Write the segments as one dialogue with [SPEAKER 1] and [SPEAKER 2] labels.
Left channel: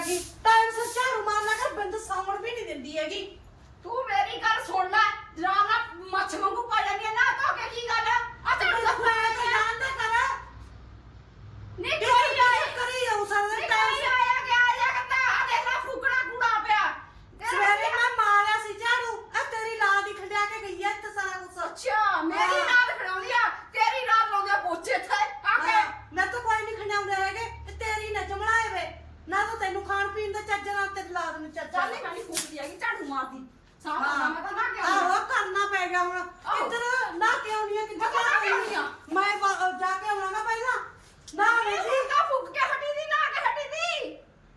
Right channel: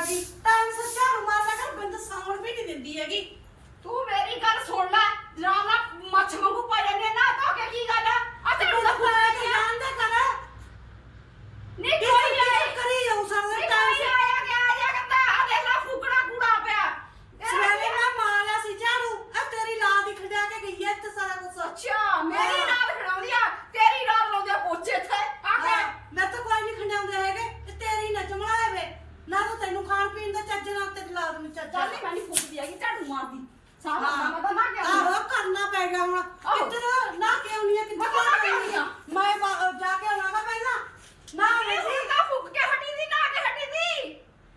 [SPEAKER 1] ਗਈ ਟਾਈਮ ਸਿਰ ਝਾੜੂ ਮਾਰ ਲਿਆ ਕਰ ਬੰਦ ਸੌਣ ਵੀ ਨਹੀਂ ਦਿੰਦੀ ਹੈਗੀ।
[SPEAKER 2] ਤੂੰ ਮੇਰੀ ਗੱਲ ਸੁਣ ਲੈ ਡਰਾਮਾ ਮੱਛ ਵਾਂਗੂ ਪਾ ਜਾਂਦੀ ਆ ਨਾ ਧੋ ਕੇ ਕੀ ਗੱਲ ਆ ਆ ਝਾੜੂ ਦਾ
[SPEAKER 1] ਮੈਂ ਤਾਂ ਜਾਣਦਾ ਕਰ
[SPEAKER 2] ਨਹੀਂ
[SPEAKER 1] ਇਹ
[SPEAKER 2] ਕੋਈ ਆਇਆ
[SPEAKER 1] ਕਰੀ ਜਾਉ ਸਾਰਾ
[SPEAKER 2] ਨਹੀਂ
[SPEAKER 1] ਟਾਈਮ
[SPEAKER 2] ਕੋਈ ਆਇਆ ਗਿਆ ਆਇਆ ਕਰਦਾ ਆ ਦੇਖ ਲੈ ਫੂਕਣਾ ਕੂੜਾ ਪਿਆ ਤੇਰਾ
[SPEAKER 1] ਸਵੇਰੇ ਮੈਂ ਮਾਰਿਆ ਸੀ ਝਾੜੂ ਆ ਤੇਰੀ ਲਾਲ ਦੀ ਖੰਡਿਆ ਕੇ ਗਈ ਐ ਇੱਥੇ ਸਾਰਾ ਕੁਝ
[SPEAKER 2] ਅੱਛਾ ਮੇਰੀ
[SPEAKER 1] ਹਾਂ।
[SPEAKER 2] ਨਾਲ ਖੜਾਉਂਦੀ ਆ ਤੇਰੀ ਨਾਲ ਲਾਉਂਦੀ ਆ ਪੋਚੇ ਇੱਥੇ ਆ ਕੇ
[SPEAKER 1] ਮੈਂ ਤਾਂ ਕੋਈ ਨਹੀਂ ਖੰਡਾਉਂਦੇ ਹੈਗੇ ਤੇ ਤੇਰੀ ਨਾ ਚਮੜਾਏ ਵੇ ਨਾ ਤਾਂ ਤੈਨੂੰ ਖਾਣ ਪੀਣ ਦਾ ਚੱਜ ਨਾਲ ਤੇਰੀ ਲਾਲ ਨੂੰ ਚੱਜ
[SPEAKER 2] ਚੱਲ ਨਹੀਂ ਮੈਂ ਨਹੀਂ ਫੂਕਦੀ ਹੈਗੀ ਝਾੜੂ ਮਾਰਦੀ ਸਾਰਾ ਕੰਮ ਤਾਂ ਨਾ ਕਿ
[SPEAKER 1] ਆਹੋ ਕਰਨਾ ਪੈ ਗਿਆ ਹੁਣ
[SPEAKER 2] ਆਹੋ।
[SPEAKER 1] ਕਿੱਧਰ ਨਾ ਕਿਉਂ ਨਹੀਂ ਕਿੱਧਰ
[SPEAKER 2] ਮੈਂ ਤਾਂ ਕਿਉਂ ਨਹੀਂ ਆ?
[SPEAKER 1] ਮੈਂ ਬਾ- ਜਾ ਕੇ ਆਉਣਾ ਨਾ ਪਹਿਲਾਂ ਨਾ
[SPEAKER 2] ਇਹ ਹੁਣ ਤਾਂ ਫੂਕ ਕੇ ਹਟੀ ਦੀ ਨਾ ਕੇ ਹਟੀ ਦੀ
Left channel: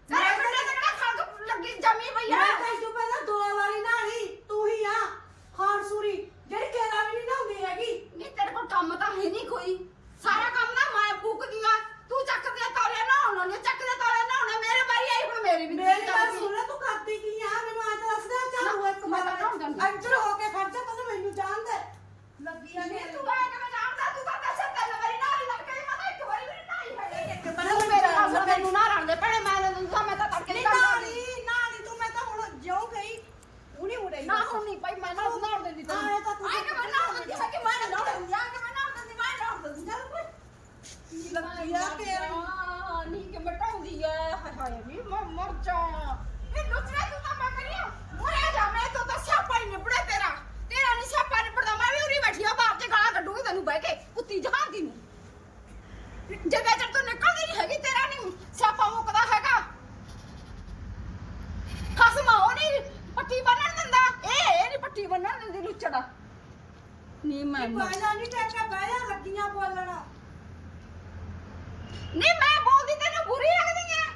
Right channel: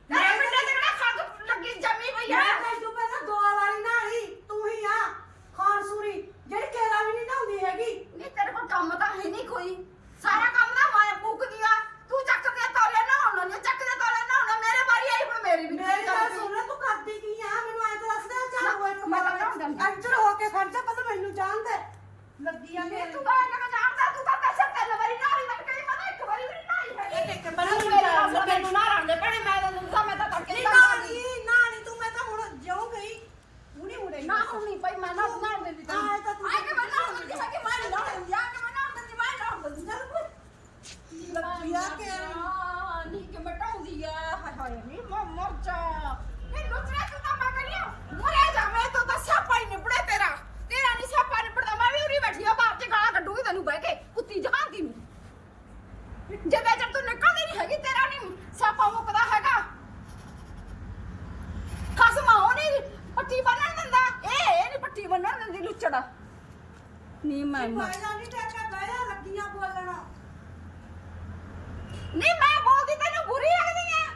[SPEAKER 2] ਤੇਰੇ
[SPEAKER 1] ਮੈਂ-
[SPEAKER 2] ਪਿੰਡੇ ਤੇ ਕਿਹੜਾ ਖੰਗ ਲੱਗੀ ਜੰਮੀ ਪਈ ਆ
[SPEAKER 1] ਮੈਂ ਤੈਨੂੰ ਪਹਿਲਾਂ ਦੋ ਵਾਲੀ ਨਾਲੀ ਤੂੰ ਹੀ ਆ ਖਾਨ ਸੂਰੀ ਜਿਹੜੀ ਕੇਰਾ ਵੀ ਨਹੀਂ ਨਹਾਉਂਦੀ ਹੈਗੀ
[SPEAKER 2] ਨਹੀਂ ਤੇਰੇ ਕੋਲ ਕੰਮ ਤਾਂ ਹੈ ਨਹੀਂ ਕੋਈ ਸਾਰਾ ਕੰਮ ਨਾ ਮੈਂ ਫੂਕਦੀ ਆ ਤੂੰ ਚੱਕਦੇ ਤੌਲੇ ਨਾ ਹੋਣਾ ਨਹੀਂ ਚੱਕਦੇ ਤੌਲੇ ਨਾ ਹੋਣਾ ਮੇਰੇ ਵਾਰੀ ਆਈ ਹੁਣ ਮੇਰੀ ਵੀ
[SPEAKER 1] ਮੇਰੀ ਗੱਲ
[SPEAKER 2] ਚੱਲਦੀ।
[SPEAKER 1] ਸੁਣ ਤੂੰ ਕਰਦੀ ਕੀ ਆ ਮੈਨੂੰ ਐ ਤਾਂ ਦੱਸ ਦੇ ਚੱਲ
[SPEAKER 2] ਨਾ,
[SPEAKER 1] ਉਹ ਇੱਕ
[SPEAKER 2] ਮੈਂ ਤਾਂ ਨਹਾਉਣ ਜਾਂਦੀ।
[SPEAKER 1] ਅੰਦਰ ਹੋ ਕੇ ਖੜ ਜਾ ਪਹਿਲਾਂ ਮੈਨੂੰ ਜਾਣ ਦੇ ਲੱਗੀ ਆ
[SPEAKER 2] ਨਹੀਂ ਤੂੰ ਆਇਆ ਕਿ ਜਾਣਦਾ ਤੂੰ ਤਾਂ ਪੈਸੇ ਤਿੰਨ ਵਾਰੀ ਨਾ ਨਹੀਂ ਮੈਂ ਕਹੀ ਮੈਂ ਇੱਕ ਵਾਰੀ ਵੀ ਨਹੀਂ ਹੈਗੀ
[SPEAKER 1] ਇੱਕ
[SPEAKER 2] ਤੂੰ
[SPEAKER 1] ਪਹਿਲਾਂ
[SPEAKER 2] ਮੇਰੇ ਨਾਲ ਤੈਨੂੰ ਨਾ ਰਲਦੇ ਭੈਣੇ ਮੈਂ ਤੈਨੂੰ ਤਾਂ ਮੈਂ ਤਾਂ ਤੜਕੇ
[SPEAKER 1] ਨਹੀਂ
[SPEAKER 2] ਨਹੀਂ ਕਰਦੀ
[SPEAKER 1] ਨਾਲੀ ਨਾਲੀ ਤੂੰ ਮੈਂ ਤਾਂ ਹੁਣ ਜਿਉਂ ਗਈ ਉਹ ਨਹੀਂ ਮੁੜੇਗੀ
[SPEAKER 2] ਨਾ ਹੁਣ ਨਹੀਂ ਭਾਈ ਮੈਂ ਨਾ ਨਾ ਦਿੰਦੀ ਤੈਨੂੰ
[SPEAKER 1] ਆਏ ਤਾਂ ਤੂੰ-
[SPEAKER 2] ਆਏ ਕਿ ਮੈਂ ਨਾ ਦਿੰਦੀ ਹੈ ਕਿ ਮੈਂ ਨਹੀਂ ਨਾ ਦਿੰਦੀ ਆ ਕਿ ਮੈਂ ਨਾ ਦਿੰਦੀ ਮੈਂ ਨਾ ਦਿੰਦੀ ਚੱਲ ਕੋਈ
[SPEAKER 1] ਲੱਗੀ ਆ ਤੇਰੀ
[SPEAKER 2] ਨਹੀਂ ਕਿ ਮਟਾਉਂਦੀ ਜਾ ਲੁੱਟਰੇ ਤੂੰ ਤਾਂ ਮੈਂ ਕਹਿੰਦੀ ਮਰੇ ਜਾ ਮੈਂ ਤਾਂ ਤਾਂ ਸਿਆਪਾ ਹੀ ਨਿਬੜੇ ਤੇਰਾ ਤੇਰਾ ਨਹੀਂ ਸਿਆਪਾ ਨਿਬੜਦਾ ਮੈਂ ਵੀ ਉਰੀ ਬੈਠੀ ਆ ਬਾਹਰ ਤੇ ਗਾਲਾਂ ਕੱਢੂਗੀ ਤੈਨੂੰ ਬਹਿ ਕੇ ਕੁੱਤੀ ਜਹਾਂਦੀ ਨੂੰ ਜਦੋਂ ਜਦ ਤੂੰ ਨਿਕਲਦੀ ਨਹੀਂ ਹੈਗੀ ਤੇਰਾ ਨਹੀਂ ਸਿਆਪਾ ਮੁੱਕਦਾ ਹੈਗਾ ਖਸਮਾ ਉਹ ਨਹੀਂ ਪੱਟੀ ਬੰਨਣ ਦਿੰਦਾ ਇਹ ਇਹ ਨਹੀਂ ਪੱਟੀ ਬੰਨਣ ਦਿੰਦੀ ਲੁੱਚੜ ਨਹੀਂ ਮੈਂ
[SPEAKER 1] ਬਾਇਆ ਨਹੀਂ ਟੱਕਾ ਬਾਇਆ ਲੱਗੀਆਂ ਬੋਲਣਾ
[SPEAKER 2] ਨਹੀਂ ਮੈਂ ਬੋਲਦੀ ਤੈਨੂੰ ਬੁਰੀ ਲੱਗਦੀ ਆ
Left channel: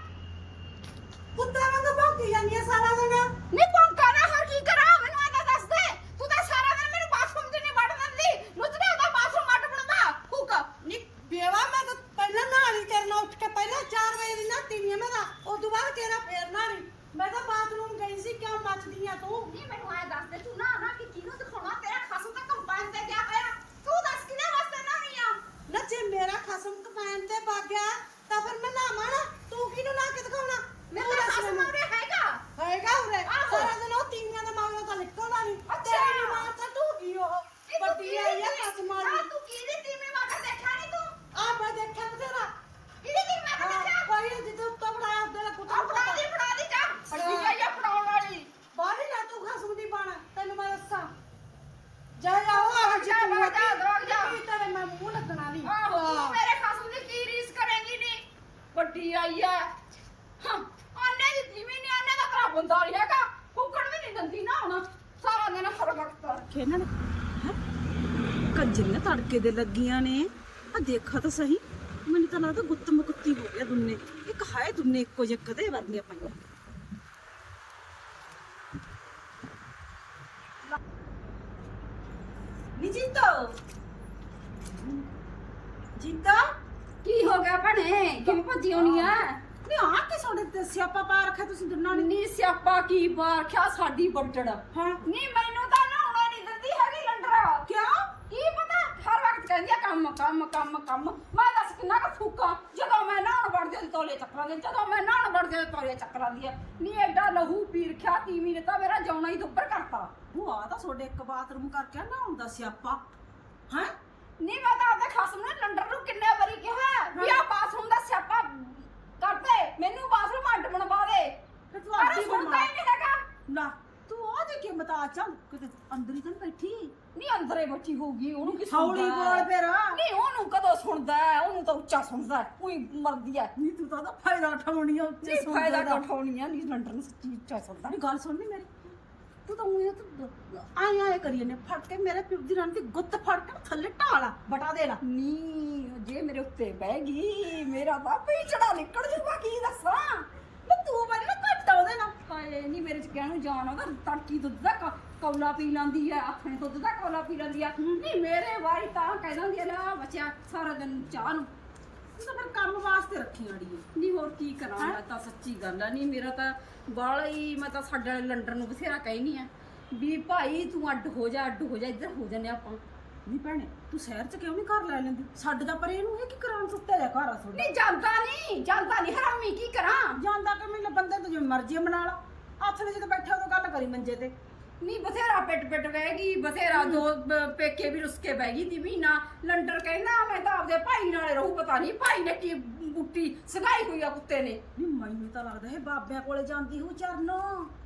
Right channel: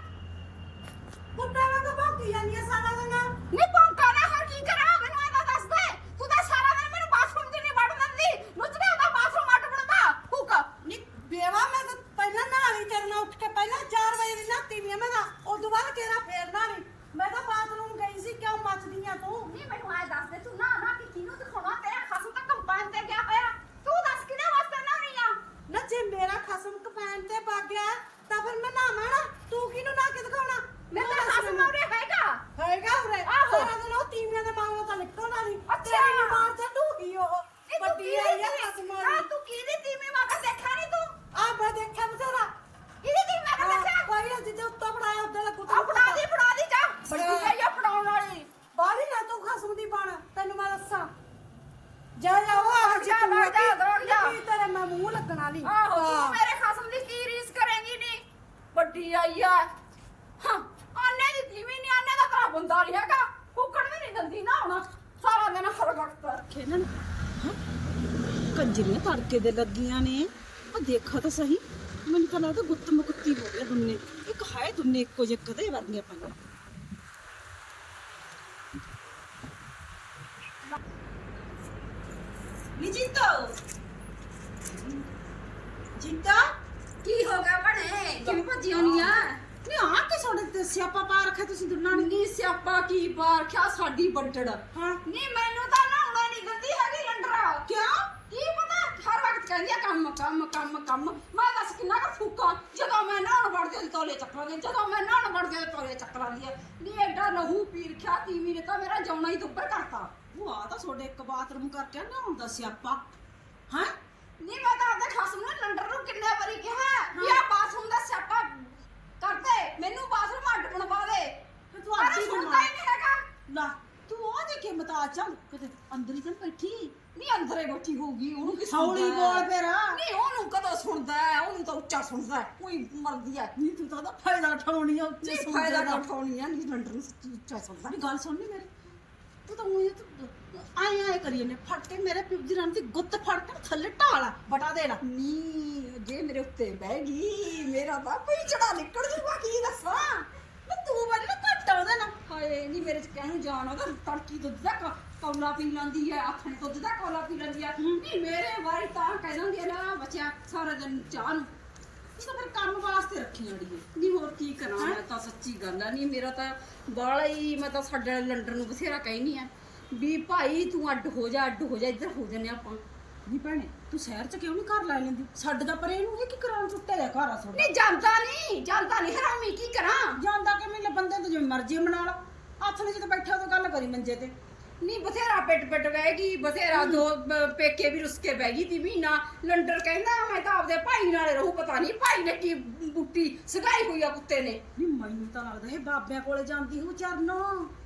[SPEAKER 1] ਕੁੱਤੇ ਵਾਂਗ ਭੌਂਕੀ ਜਾਂਦੀ ਆ ਸਾਰਾ ਦਿਨ
[SPEAKER 2] ਨਹੀਂ ਪੰਕਾ ਨਾ ਹੋਰ ਕੀ ਕਰਾਂ ਮੈਨੂੰ ਆਦਾ ਦੱਸ ਦੇ ਤੂੰ ਤਾਂ ਸਾਰਾ ਦਿਨ ਮੈਨੂੰ ਬਾਥਰੂਮ 'ਚ ਨਹੀਂ ਵੜ ਦਿੰਦੀ ਲੁੱਚੜੇ ਦਾ ਬਾਥਰੂਮ ਅੱਡ ਬਣਦਾ ਹੁਕ
[SPEAKER 1] ਨਹੀਂ ਬੇਵਾ ਮੈਂ ਤਾਂ ਪਹਿਲਾਂ ਨਹਾਣੀ ਕਰਨਾ ਉੱਠ ਕੇ ਪਹਿਲਾਂ 4 ਵਜੇ ਦੀ ਨਹਾਤੀ ਨਹੀਂ ਮੈਂ ਤਾਂ ਉਸ ਤੋਂ ਬਾਅਦ ਕਿਹੜਾ ਫੇਰ ਨਹਾਣੀ ਮੈਂ ਤਾਂ ਬਾਥਰੂਮ ਗਈ ਸੀ ਕਿਉਂ ਮੱਚਦੀ ਆ ਤੂੰ
[SPEAKER 2] ਨਹੀਂ ਮੈਨੂੰ ਆਏ ਦੱਸ ਦੇ ਤੂੰ ਨਾ ਨਾ ਕਿ ਕਿਹਨੂੰ ਦਿਖਾਉਣਾ ਤੇਰਾ ਖਸਮ ਤਾਂ ਕੰਪਾਈਨ ਤੇ ਗਿਆ ਹੋਇਆ ਤੂੰ ਦੱਸ ਕਿਹਦੇ ਵਾਸਤੇ ਨਾ ਨਹੀਂ ਆ
[SPEAKER 1] ਨਾ ਜੇ ਮੇਰਾ ਖਸਮ ਕਪੈਨ ਤੇ ਵਗ ਗਿਆ ਤਾਂ ਫਿਰ ਮੈਂ ਨਾਵਾਂ ਨਾ ਤੂੰ ਕਿਹਨੂੰ ਨਾ ਕੇ ਦਿਖਾਉਣਾ
[SPEAKER 2] ਮੈਂ
[SPEAKER 1] ਤੂੰ
[SPEAKER 2] ਤੇਰਾ
[SPEAKER 1] ਦੱਸ
[SPEAKER 2] ਖਸਮ
[SPEAKER 1] ਮੈਨੂੰ।
[SPEAKER 2] ਉਰੇ ਹੈਗਾ
[SPEAKER 1] ਹੈਗਾ ਉਰੇ
[SPEAKER 2] ਆਹੋ।
[SPEAKER 1] ਸਾਰਾ ਦਿਨ ਉਹ ਤੀਵੀਆਂ ਦੇ ਮਗਰੋਂ ਤਾਂ ਨਿਕਲਦਾ ਨਹੀਂ
[SPEAKER 2] ਅੱਛਾ।
[SPEAKER 1] ਤੇਰੀ ਨੀ ਮਾਰ ਤਾਂ ਤੂੰ ਹੀ ਉਹ
[SPEAKER 2] ਇਹ ਤੂੰ
[SPEAKER 1] ਵੱਡੀ ਆਈ ਆ
[SPEAKER 2] ਕਿਹਦੀ-
[SPEAKER 1] ਖਸਮ
[SPEAKER 2] ਆ
[SPEAKER 1] ਵਾਲੀ
[SPEAKER 2] ਤੂੰ ਕਿਹਦੀ ਤੀਵੀਂ ਵਾਂਗ ਦੇਖਾ ਨਹੀਂ ਤੂੰ
[SPEAKER 1] ਆ ਮੈਂ ਦੇਖਿਆ ਬਥੇਰਾ
[SPEAKER 2] ਕਿਹਦੀ ਤੀਵੀਂ ਵਾਂਗ
[SPEAKER 1] ਹਾਂ
[SPEAKER 2] ਦੇਖਿਆ
[SPEAKER 1] ਕੋਈ ਜਿੱਦੇ ਉੱਤੋਂ ਫੜਾਇਆ ਉਹਦੇ ਦਾ ਕੁੱਤਾ
[SPEAKER 2] ਆ ਫੜਾ ਦੀ ਫੜਾ ਦੀ ਜਾ ਬੜੀ ਗਈ ਆ ਫੜਾਉਣ ਵਾਲੀ
[SPEAKER 1] ਬਾਹਲੀ ਨਾ ਤੂੰ ਖਸਮ ਦੀ ਬਣ ਤੈਨੂੰ ਮੈਂ ਦੱਸਾਂ ਜਾ ਜਾ ਉਹ ਆਹ ਜੀ
[SPEAKER 2] ਜਾ,
[SPEAKER 1] ਤੂੰ
[SPEAKER 2] ਜਾ, ਜਾ, ਜਾ।
[SPEAKER 1] ਨਿੱਕੀ ਤੇਰੇ ਮੈਂ ਮੂੰਹ ਲੱਗਣਾ ਨਹੀਂ
[SPEAKER 2] ਆਹੋ ਤੂੰ ਮੇਰੇ ਖਸਮ ਦੀ ਕੀ ਰੀਸ ਕਰੇਂਗੀ ਨੀ ਵੱਡੀ ਆਈ ਆ ਹਾਂ ਆਨੇ ਦੀ ਤੀਵੀਂ ਨਹੀਂ ਆਨੇ ਦਾ ਤੇਰਾ ਬੰਦਾ ਨਹੀਂ ਹੈਗਾ ਫੁੱਕਣ ਵੀ ਨਹੀਂ ਦਿੰਦੀ ਨਾ ਹੁਣ ਸਾਰਾ ਦਿਨ ਹਰਗੜਤ
[SPEAKER 3] ਇਹਨਾਂ ਨੇ ਹੈ? ਕੰਜਰੀਆਂ ਤੜਕੇ ਦੇ ਲੱਗੀਆਂ ਨੇ। ਆ ਦੇਖਾ ਤਾਂ ਸਹੀ। ਮੈਨੂੰ ਤਾਂ ਲੱਗਦਾ ਗੁੱਤ ਮੁਕੱਤੀ ਹੋ ਗਿਆ ਦੁੰਨੇ। ਇੱਕ ਹਾਏ ਦੁੰਨੇ ਇੱਕੋ ਜਿਹੇ ਕਦੇ ਵਰਗੀਆਂ ਪਈਆਂ। ਨੀ ਜੀਤੋ? ਜੀਤਾ?
[SPEAKER 2] ਕੀ ਹੋ ਗਿਆ ਭਣੇ? ਕਿਵੇਂ ਭੱਜੀ ਆਉਣੀ ਆ?
[SPEAKER 3] ਨੀ ਆ ਕੇ ਤੁਹਾਡੇ ਤੇ ਸਿਆਪਾ ਪਾ ਰੱਖਿਆ ਤੁਸੀਂ ਦੋਨਾਂ ਨੇ?
[SPEAKER 2] ਨੀ ਸਿਆਪਾ ਕੀ ਬਾਖਿਆ ਸਾਡੀ ਵੱਡੜ
[SPEAKER 3] ਹਾਂ।
[SPEAKER 2] ਨੀ ਮੈਨੂੰ ਤਾਂ ਨਹਾਉਣਾ ਨਹੀਂ ਦਿੰਦੀ ਹੈਗੀ ਲੰਡਰਾ
[SPEAKER 3] ਕਿਉਂ
[SPEAKER 2] ਕੀ ਪਤਾ ਹਰ ਵਕਤ ਕਹਿੰਦੀ ਆ ਕੰਮ ਕੰਮ ਕੰਮ। ਮੈਂ ਦੱਸ ਕਿੰਨਾ ਕੁ ਫੂਕਾਂ? ਜਦੋਂ ਮੈਂ ਨਹਾਉਣ ਵੜਦੀ ਉਹਦੀ ਤੋਲੇ ਚੱਕਰਾਂ ਦੀ ਜਦੋਂ ਮੈਂ ਨਹਾਉਣ ਵੜਦੀ ਉਹਦੇ ਤੋਲੇ ਚੱਕਰਾਂ ਦੀ ਨੀ ਐਡਾ ਲਹੂ ਪੀਰ ਖਿਆ ਤੀਵੀਂ ਨੇ ਤਾਂ ਮੇਰਾ ਜਾਉਣਾ ਹੀ ਦੁੱਬਰ ਕਰਤਾ।
[SPEAKER 3] ਉਹ ਆ ਤਾਂ ਤੁਹਾਡੇ ਇੱਕ ਬਾਥਰੂਮ ਕਰਕੇ ਨਾ ਹੁੰਦਾ ਸਿਆਪਾ। ਹੈ?
[SPEAKER 2] ਨੀ ਮੈਂ ਤਾਂ ਆਪਣੇ ਖਸਮ ਨੂੰ ਲੰਡਰ ਨੂੰ ਕਿੰਨੇ ਵਾਰੀ ਕਿਹਾ ਵੀ ਆ ਬਾਥਰੂਮ ਦਾ ਸਿਆਪਾ ਕਰਦੇ ਮੈਨੂੰ ਬਾਥਰੂਮ ਅੱਡ ਬਣਵਾ ਦੇ।
[SPEAKER 3] ਤੂੰ
[SPEAKER 2] ਪਰ
[SPEAKER 3] ਅੱਡੀ
[SPEAKER 2] ਸੁਣਦਾ
[SPEAKER 3] ਬਣਵਾ।
[SPEAKER 2] ਹੀ ਨਹੀਂ ਹੈਗਾ।
[SPEAKER 3] ਨਾ ਤੂੰ ਆ ਦੇ ਕੇ ਮਤਾ ਚੱਲ ਕਿਤੇ ਅੰਦਰ ਹੀ ਤਾਂ ਬੈਠੀ।
[SPEAKER 2] ਨੀ ਅੰਦਰੇ ਬੈਠੀ ਹੋਊਗੀ ਉਹਨੂੰ ਕੀ
[SPEAKER 3] ਹੌਲੀ ਬੋਲ
[SPEAKER 2] ਹੈ?
[SPEAKER 3] ਫਿਰ।
[SPEAKER 2] ਨੀ ਉਹਨੂੰ ਕਦੋਂ ਸੁਣਦਾ ਹੈ? ਉਹਨੂੰ ਤਾਂ ਉੱਚਾ ਸੁਣਦਾ ਹੈ। ਉਹੀ ਮਰਦੀ ਹੈ
[SPEAKER 3] ਨਹੀਂ ਤੂੰ ਤਾਂ ਉਹਦਾ ਫਾਇਦਾ ਉਠਾਉਣੀ ਆ ਉੱਚੇ
[SPEAKER 2] ਨਹੀਂ
[SPEAKER 3] ਸੁਣਦੇ
[SPEAKER 2] ਫਾਇਦਾ
[SPEAKER 3] ਦਾ।
[SPEAKER 2] ਉਠਾਉਣੀ ਆ ਨੀ ਲੰਡਰ ਨੂੰ ਸੱਚੀ ਉੱਚਾ ਸੁਣਦਾ
[SPEAKER 3] ਨਹੀਂ ਗੱਲ ਸੁਣ ਨੀ ਮੇਰੀ ਤੂੰ ਤਾਂ ਉਹੀ ਆਏ ਆਏ ਕਰੀ ਨੇ ਫੜ ਕੇ ਮੇਰੇ ਪਿਓ ਦੀ ਰਾਂ ਦੀ ਗੁੱਤ ਫੜ ਕੇ ਥੱਲੇ ਢਾਲਾ ਬਟਾ ਦੇਣਾ
[SPEAKER 2] ਨੀ ਜੇ ਮੇਰੇ ਉੱਤੇ ਬਹਿ ਗਈ ਮੇਰਾ ਤਾਂ ਪਈ ਚੜਾ ਨਿਕਲ ਜੂਗਾ ਕੀ ਦੱਸਾਂ
[SPEAKER 3] ਮੈਂ ਤੂੰ ਮੈਨੂੰ ਘੱਟ ਉਹਦੇ ਨਾਲ
[SPEAKER 2] ਹਾਏ ਨਹੀਂ ਮੇਰੇ ਚ ਕਹਿਣੂ ਜਾਣ ਉਹਦਾ ਤੜਕੀ ਦੁੱਧ ਦਾ ਕ- ਕੌਲਾ ਪੀ ਲੈਂਦੀ ਆ ਆਥਣੇ ਦੁੱਧ ਦਾ ਕੌਲਾ ਪੀ ਲੈਂਦੀ ਆ। ਨਹੀਂ ਮੇਰੇ ਵਾਰੀ ਤਾਂ ਕਹਿ ਦਿੰਦੀ ਆ ਲੈ ਬੱਚਿਆ ਸਾਰਾ ਦਿਨ ਚਾਹ ਨੂੰ।
[SPEAKER 3] ਤੂੰ ਤਾਂ ਫਿਰ ਕੰਮ ਵਾਸਤੇ ਰੱਖੀ ਅੜੀਏ
[SPEAKER 2] ਨਹੀਂ ਹੋਰ ਕੀ ਕਰਾਂ ਮੈਂ ਤਾਂ ਸੱਚੀ ਗੱਲ ਆ। ਨਹੀਂ ਮੇਰਾ ਤਾਂ ਬਾਲਾ ਹੀ ਮੈਂ ਤਾਂ ਸਾਡੇ ਵਾਲੇ ਲੰਡਰ ਨੂੰ ਬਥੇਰਾ ਕਹਿਨੀ ਆ। ਵੀ ਭਾਈ ਤੂੰ ਅੱਡ ਹੋ ਜਾ ਅੱਡ ਹੋ ਜਾ ਇੱਧਰ ਹੋ ਜੰਨੇ ਆਪਾਂ।
[SPEAKER 3] ਨਹੀਂ ਭੈਣੇ ਤੂੰ ਸ਼ਹਿਰ ਚ ਕਿਉਂ ਨਹੀਂ ਘਰ ਲੈ ਲੈਂਦੀ? ਸਾਡੇ ਦਾ ਪਰ ਇਹਨੂੰ ਇਹ ਕੀ ਕਰਾਂ ਟੁੱਟਿਆ ਜਾ ਘਰ ਆ ਤੁਹਾਡਾ।
[SPEAKER 2] ਨਹੀਂ ਜਾਂਦਾ ਨਹੀਂ ਜਾਂਦਾ ਨਹੀਂ। ਹਰਾਮੀ ਕੀ ਕਰਾਂ?
[SPEAKER 3] ਜਾਂਦਾ ਕਿ ਮੈਨੂੰ ਬੰਦੇ ਤੋਂ ਜਿਵੇਂ ਮਰਜ਼ੀ ਬਣਾ ਲਾ। ਨੇ ਜਦੋਂ ਬੈਠਾ ਉਦੋਂ ਗੱਲ ਕਰੀ ਮੰਜੇ ਤੇ।
[SPEAKER 2] ਨਹੀਂ ਬਥੇਰਾ ਪਿੱਟ ਪਿੱਟ ਬਹਿਗੀ ਬਥੇਰਾ ਦੋ ਬ- ਪੇਕੇ ਵੀ ਰੁੱਸ ਕੇ ਬਹਿਗੀ ਤੀ ਮਹੀਨਾ। ਲੰਡਰ ਕਹਿੰਦਾ ਮੈਂ ਤਾਂ ਆਪਦੇ ਭਾਈ ਨਾਲੇ ਰਹੂ ਪਤਾ ਨਹੀਂ ਭਾਈ ਨੇ ਕੀ ਬੁੱਟੀ ਸਗਾਈ ਹੋਈ ਆ ਕੁੱਤੇ ਨੇ।
[SPEAKER 3] ਨਹੀਂ ਮੈਨੂੰ ਤਾਂ ਲੱਗਦਾ ਇਹ ਬਾਬਿਆਂ ਕੋਲੇ ਜਾਂਦੀ ਹੂ ਚਰਨੋ।